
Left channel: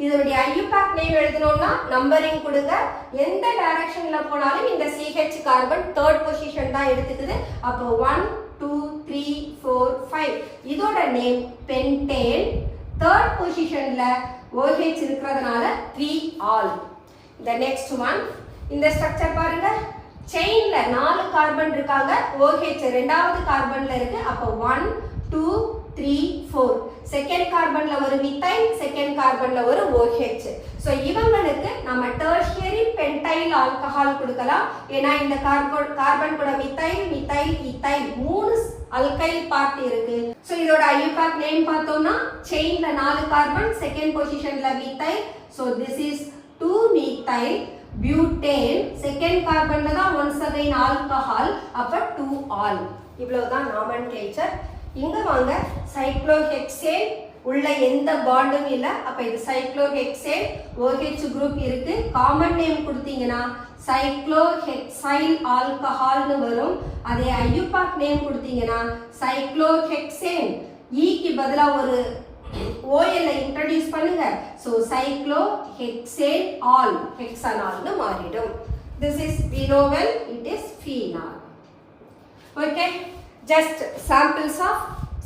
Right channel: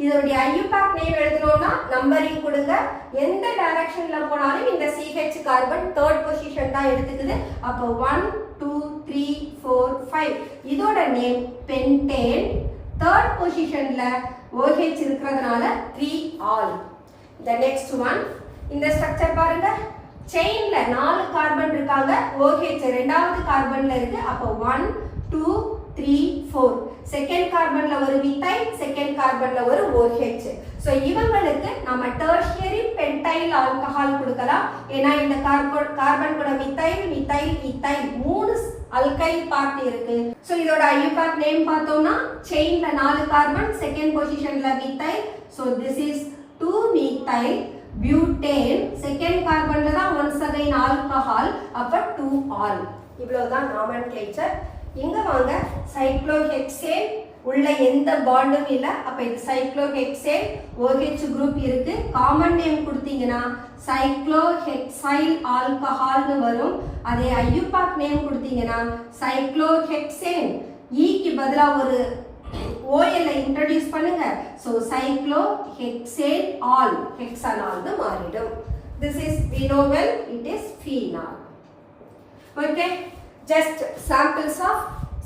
இதோடைய IUPAC நேம் எழுதணும்னா நம்பரிங் கொடுங்க. எந்த டைரக்ஷன்ல போனாலும் இந்த CH கார்பன் தேர்ட் பொசிஷன் தான் எடுத்துக்குது. அப்போ 1 2 3 4 5. இதோட நேம் பென்டேன். தேர்ட் பொசிஷன்ல OH இருக்கிறதுனால 3 ஆல். The next one, இந்த ஸ்ட்ரக்சர் பாருங்க. செயின்ல 4 கார்பன் இருக்காங்க. OH ரெண்டாவது கார்பன்ல இருக்கு. அப்போ 1 2 3 4. செகண்ட் கார்பன்ல ஒரு மித்தைல், செகண்ட் கார்பன்ல ஒரு OH. சோ இவங்களுக்கு நம்ம டெர்ஷியரி பென்டைல் ஆல்கஹால் கொடுக்கலாம். ஏன்னா இந்த கார்பன் கூட methyl methyl ethyl 3 alkyl part இருக்கு. சோ இதோட IUPAC நேம் பார்த்தோம்னா, செயின்ல 4 கார்பன், செகண்ட் பொசிஷன்ல methyl. So this is 2 methyl butane. Second கார்பன்ல தான் ஒன்ஸ் அகைன் ஆல்கஹால். அப்ப 2 ஆல். இவ்வளவுதான் நாமென்க்ளேச்சர். இங்க வாங்க, சைக்ளோஹெக்சேன் உள்ள எந்த பாண்டும் இல்ல. அப்ப இது சைக்ளோஹெக்சேன், OH குரூப் இருக்கு. காமன் நேம் கொடுத்தீங்கன்னா சைக்ளோஹெக்சைல் ஆல்கஹால்னு வரும். அதே IUPAC நேம் கொடுத்தீங்கன்னா சைக்ளோஹெக்சேன். ஈக்கு பதிலா ஒரு OL இன்ட்ரோடியூஸ் பண்ணுங்க. ஸோ சைக்ளோஹெக்சேன் ஆல் ஹெக்ஸனால்னு மாறிடும். This is we know well it is phenol. Okay, just samples of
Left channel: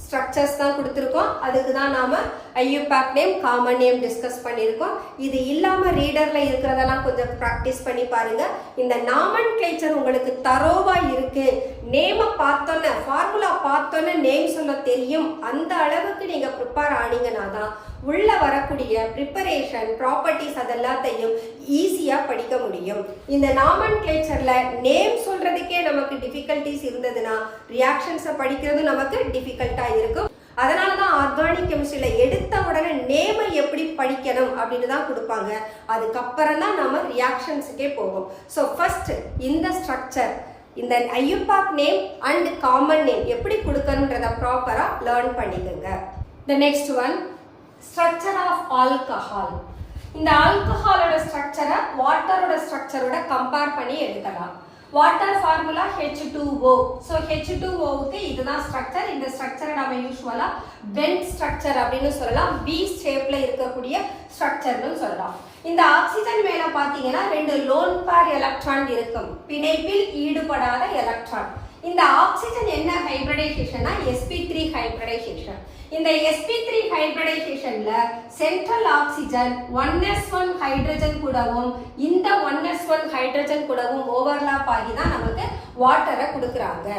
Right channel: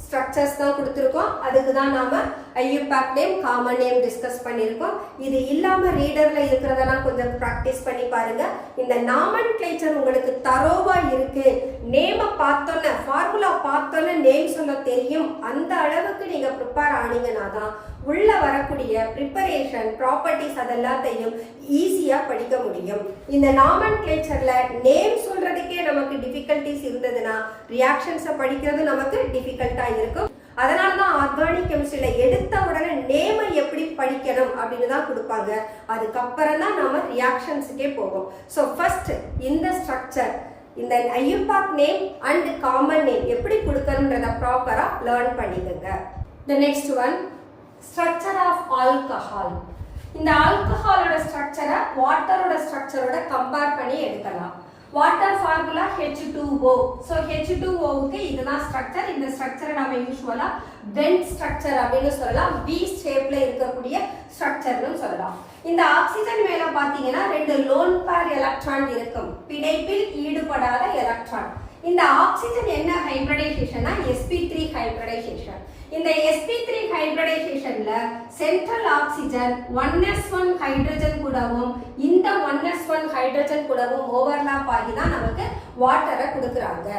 structures தான் கொடுத்துருக்கோம். அதுக்கு தான் நாம IUPAC name common name discuss பண்ணியிருக்கோம். இது இல்லாமல் ரீடரில் இருக்கிறதெல்லாம் கொஞ்சம் ப்ராக்டிஸ் பண்ணி பாருங்க. இந்த நாமன் கிளேச்சர் உங்களுக்கு தரோவாக இருக்கு. நேமை பார்த்தோன்னே ஃபார்முலா பார்த்தோன்னே நேம் சொல்ல தெரியும். அந்த அளவுக்கு நீங்கள் ப்ரிப்பேர் ஆனீங்கன்னா தான் உள்ள வரக்கூடிய ப்ரிப்பரேஷன் ப்ராப்பர்ட்டிஸ் அதெல்லாத்தையும் ஈஸியாக படிக்க முடியும். இந்த நாமன் கிளேச்சரில் நேம் சொல்றதுக்கே நமக்கு டிஃபிகல்ட்டிஸ் இருந்ததுன்னா ரியாக்ஷன்ஸை படிக்கிறது நமக்கு டிஃபிகல்ட்டாக இருக்கும். அதனால தான் ஆர்கானிக் கெமிஸ்ட்ரியில் எடுத்த உடனே நேமை எப்படி படிக்கணும் அப்படின்னு தான் கொடுப்பாங்க. அதுக்கப்புறம் தான் நம்ம ரியாக்ஷன்ஸுக்கே போவோம். ஸோ ஃபர்ஸ்ட் இந்த ஸ்ட்ரக்சர், இந்த IUPAC name and common name எப்படி கொடுக்கணுன்றத ப்ராப்பராக லேர்ன் பண்ணிக்கோங்க. The next one, structure of alcohol. இந்த ஆல்கஹாலோட ஸ்ட்ரக்சரை வாட்டரோட ஸ்ட்ரக்சரோட கம்பேர் பண்ணி எடுக்கலாம். Water formula H2O. ஸோ H2Oவுக்கு இதுதான் ஸ்ட்ரக்சர். இந்த ஸ்ட்ரக்சரை நம்ம யூஸ்வலாக பென்ட் ஸ்ட்ரக்சர் அப்படின்னு சொல்லலாம். பி ஷேப்ல இருக்கக்கூடிய ஸ்ட்ரக்சர்னு சொல்லலாம். இந்த ஆக்சிஜன் மேல பார்த்தீங்கன்னா 2 லோன் பேர் எலக்ட்ரான் இருக்கும், பிணைப்பில் ஈடுபடாத எலக்ட்ரான். இந்த ஆக்சிஜன் என்ன ஹைபிரிடைசேஷன்னா sp3 ஹைபிரிடைசேஷன். இந்த sp3 ஹைபிரிடைசேஷன்ல central oxygen 1s1 hydrogen கூடவும் இந்த 1s1 ஹைட்ரஜன் கூடவும் ஓவர்லாப் ஆகி தான் நமக்கு வாட்டரை கொடுக்குறாங்க.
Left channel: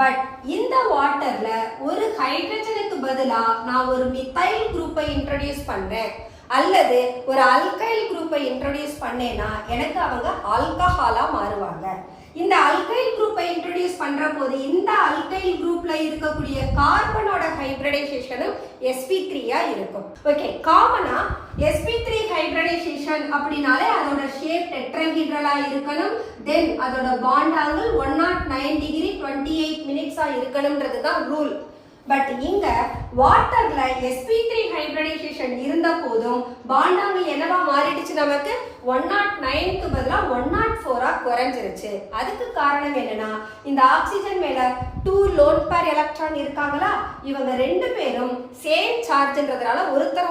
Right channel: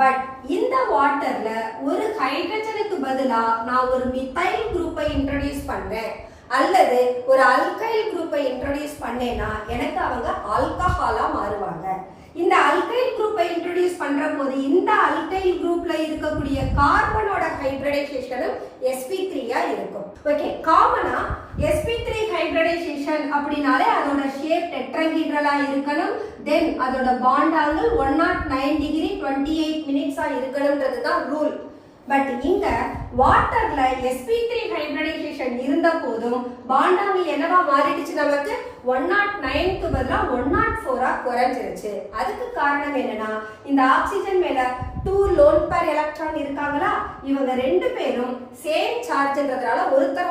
பட் இந்த வாட்டர்ல ஒரு ஹைட்ரஜனுக்கு பதிலா நான் ஒரு மித்தைல் குரூப்பை இன்ட்ரோடியூஸ் பண்றேன் அல்லது ஒரு அல்கைல் குரூப்பை இன்ட்ரோடியூஸ் பண்ணேன்னா எனக்கு அவங்க ஆல்கஹாலா மாறுவாங்க. இந்த அல்கைல் குரூப்பை இன்ட்ரோடியூஸ் பண்ற போது இந்த அல்கைல் குரூப்ல இருக்கக்கூடிய கார்பனோட ஹைபிரிடைசேஷனும் sp3 இருக்கும். ஓகே, காமனா sp3 ஹைபிரிடைசேஷன் அப்படினாலே அதோட ஷேப் டெட்ராஹெட்ரலா இருக்கணும். தென் அதோட பாண்ட் ஆங்கிள் 109 டிகிரி 28 மினிட்ஸா இருக்கணும்ன்றது தான் ரூல். பட் இங்க வாட்டர்ல sp3 ஹைபிரிடைசேஷன் இருந்த போதும் பாண்ட் ஆங்கிள் என்னவா மாறிடுச்சு, நமக்கு 109க்கு பதிலா 104ஆ குறைஞ்சிருச்சு. அதுக்கு காரணம் என்னன்னா இந்த ஆக்சிஜன் மேல 2 லோன் பேர் எலக்ட்ரான் இருக்காங்களா, இவங்க 2 பேரும் சேம் சார்ஜ்ன்றதுனால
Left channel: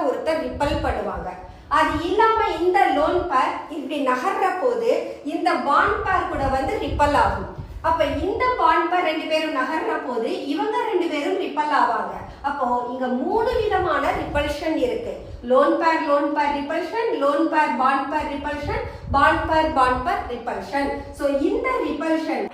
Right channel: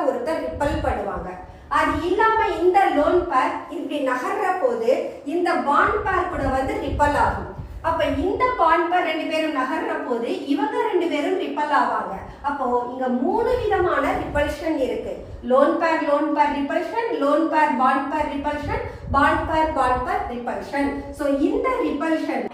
ஒருத்தர் ரிப்பல் பண்ணுவாங்க. அது இல்லாம இந்த லோன் பேர் இப்படி நகர்ற போது இந்த பாண்ட் பேர் கூட வந்து ரிப்பல் ஆகும். அப்ப இந்த பாண்ட் பேர் 2 பேரும் நகர்ற போது இவங்க 2 பேரும் ரிப்பல் ஆவாங்க. அப்போ இங்க 3 விதமான ரிப்பல்ஷன் இருக்கு. Lone pair repulsion, lone pair repulsion, bond பேர் ரிப்பல்ஷன். சோ இந்த ரிப்பல்ஷன்,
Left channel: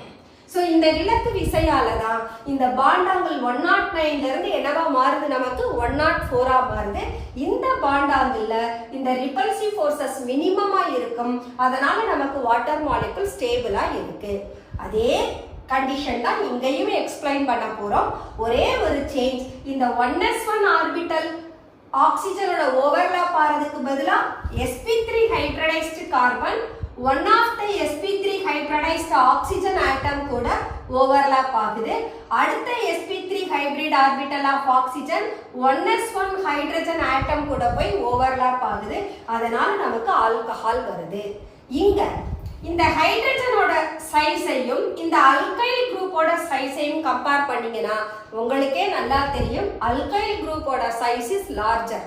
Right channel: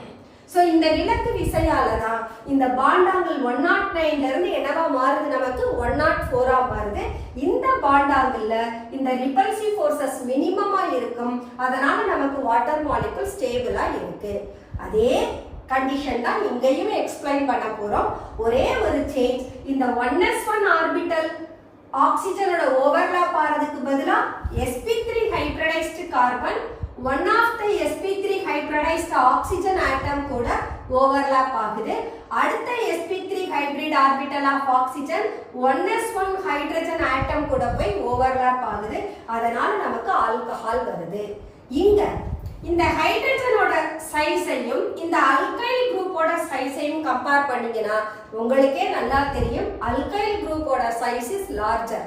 சோ இந்த விலக்கு விசையால தான் இந்த பாண்ட் ஆங்கிள் 109ல இருந்து என்னவா மாறுது, நமக்கு 104ஆ மாறுது. இந்த பாண்ட் ஆங்கிள்ல இந்த ரிப்பல்சிவ் ஃபோர்சஸ் மினிமமா இருக்கும். அதனால நமக்கு வாட்டர் மாலிகுல் ஸ்டேபிளா இருக்கு. அதே கண்டிஷன் தான் இங்கேயும் எக்ஸ்பிளைன் பண்ண போறோம். ஒரே ஒரு சேஞ்ச், இந்த 1s1 ஆர்பிட்டல் ஆக்சிஜனோட ஓவர்லாப் ஆறதுக்கு பதிலா sp3 hybridized carbon one of the sp3 hybridized oxygen atom கூட overlap ஆகுது. அடுத்த sp3 hybrid orbital of oxygen 1s1 hydrogen atom கூட போய் overlap ஆகுது. அதனால நமக்கு ஆல்கஹால் வருது. இங்க இந்த ஹைட்ரஜனோட சைஸையும் இந்த அல்கைல் குரூப்போட சைஸையும் கம்பேர் பண்ணீங்கன்னா உங்களுக்கே நல்லா தெரியும் அல்கைல் குரூப்போட சைஸ் இஸ் லார்ஜர்.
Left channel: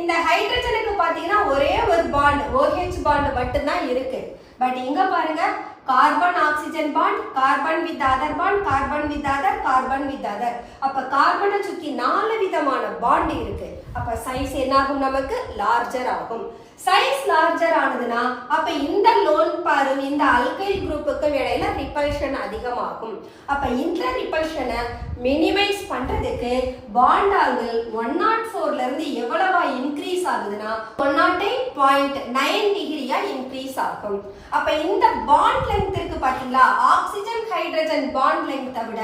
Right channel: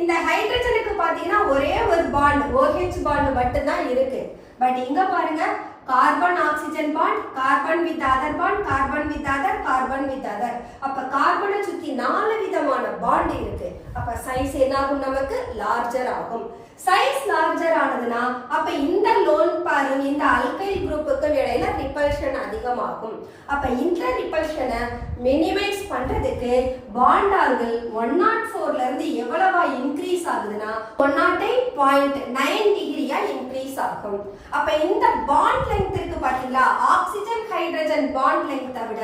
இந்த ஹைட்ரஜனுக்கு பாத்தீங்கன்னா ஒரே ஒரு பாண்ட் OH பாண்ட் மட்டும் தான் இருக்கு. பட் இங்க பாருங்க carbon oxygen bond, carbon with other bond, carbon with other, carbon with other. அப்ப கார்பனை சுத்தி 4 விதமான பாண்ட் இருக்கு. அப்ப சைஸ் என்னாகும், நமக்கு லார்ஜர் ஆகும். சைஸ் லார்ஜர் ஆனதுன்னா அப்ப இந்த லோன் பேரும் இந்த அல்கைல் குரூப்புக்கும் இடையில ரிப்பல்ஷன் அதிகமாகும். அப்ப இந்த ரிப்பல்ஷனை மினிமைஸ் பண்றதுக்கு பாண்ட் ஆங்கிள் 104ல இருந்து எவ்வளவா இன்க்ரீஸ் ஆகுதுன்னா 108.9 டிகிரியா இன்க்ரீஸ் ஆகும். அப்ப இந்த பாண்ட் லெங்த் இருக்கு பாத்தீங்களா, ஆக்சிஜன் ஹைட்ரஜன் பாண்ட் லெங்த்தை விட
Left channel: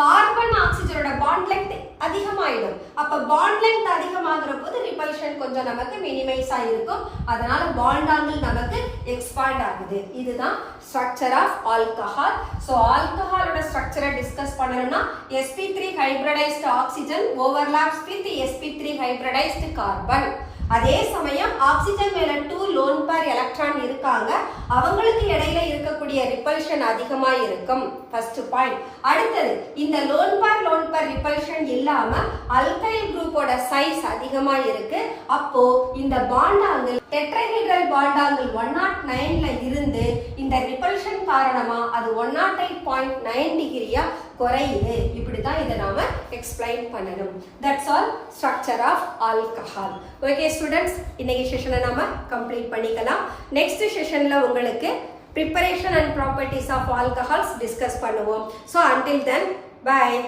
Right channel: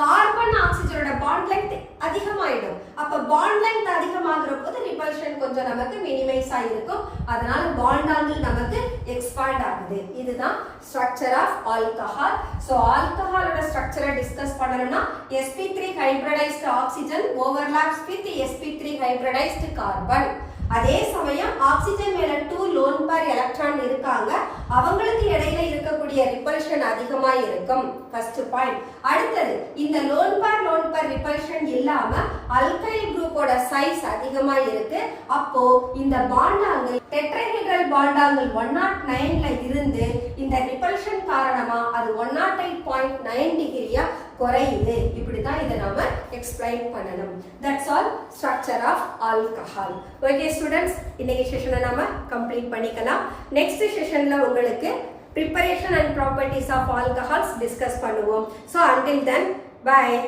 கார்பன் ஆக்சிஜனோட பாண்ட் லெங்த் அதிகமாயிடும். அப்ப பாண்ட் லெங்த் அதிகமாகிற போது ரிப்பல்ஷன் கொஞ்சம் நமக்கு மினிமைஸ் ஆயிருக்கும். அதனால பாண்ட் ஆங்கிள் நமக்கு எக்ஸ்பாண்ட் ஆகுது. இதுதான் ஸ்ட்ரக்சர் ஆஃப் ஆல்கஹால். சோ ஆல்கஹாலோட ஸ்ட்ரக்சரை டிஸ்கஸ் பண்ணணும்னா sp3 hybridized oxygen overlaps with sp3 hybridized carbon. அதே சமயம் ஆக்சிஜன் மேல 2 லோன் பேர் எலக்ட்ரான் இருக்காங்க, அவங்களுக்கு இடையில இருக்கக்கூடிய ரிப்பல்ஷன் அதிகமா இருக்கும். First point. அடுத்தது இந்த லோன் பேர் ரிப்பல்ஷன் இல்லாம அல்கைல் குரூப்போட சைஸ் அதிகமா இருக்கு. அப்போ இந்த bond angle tetrahedral bond angle 109ல இருந்து இந்த ரிப்பல்ஷன் காரணமா அது 108.9 டிகிரியா குறையுது. இப்படிதான் இதை நாம எக்ஸ்பிளைன் பண்ணணும். That's all structure of alcohol. Okay students, இன்னைக்கு செஷனை நாம கம்ப்ளீட் பண்ணிக்கலாம். நெக்ஸ்ட் செஷன்ல உங்களுக்கு preparation and properties of alcohols discuss பண்ணுவோம். So until then, bye.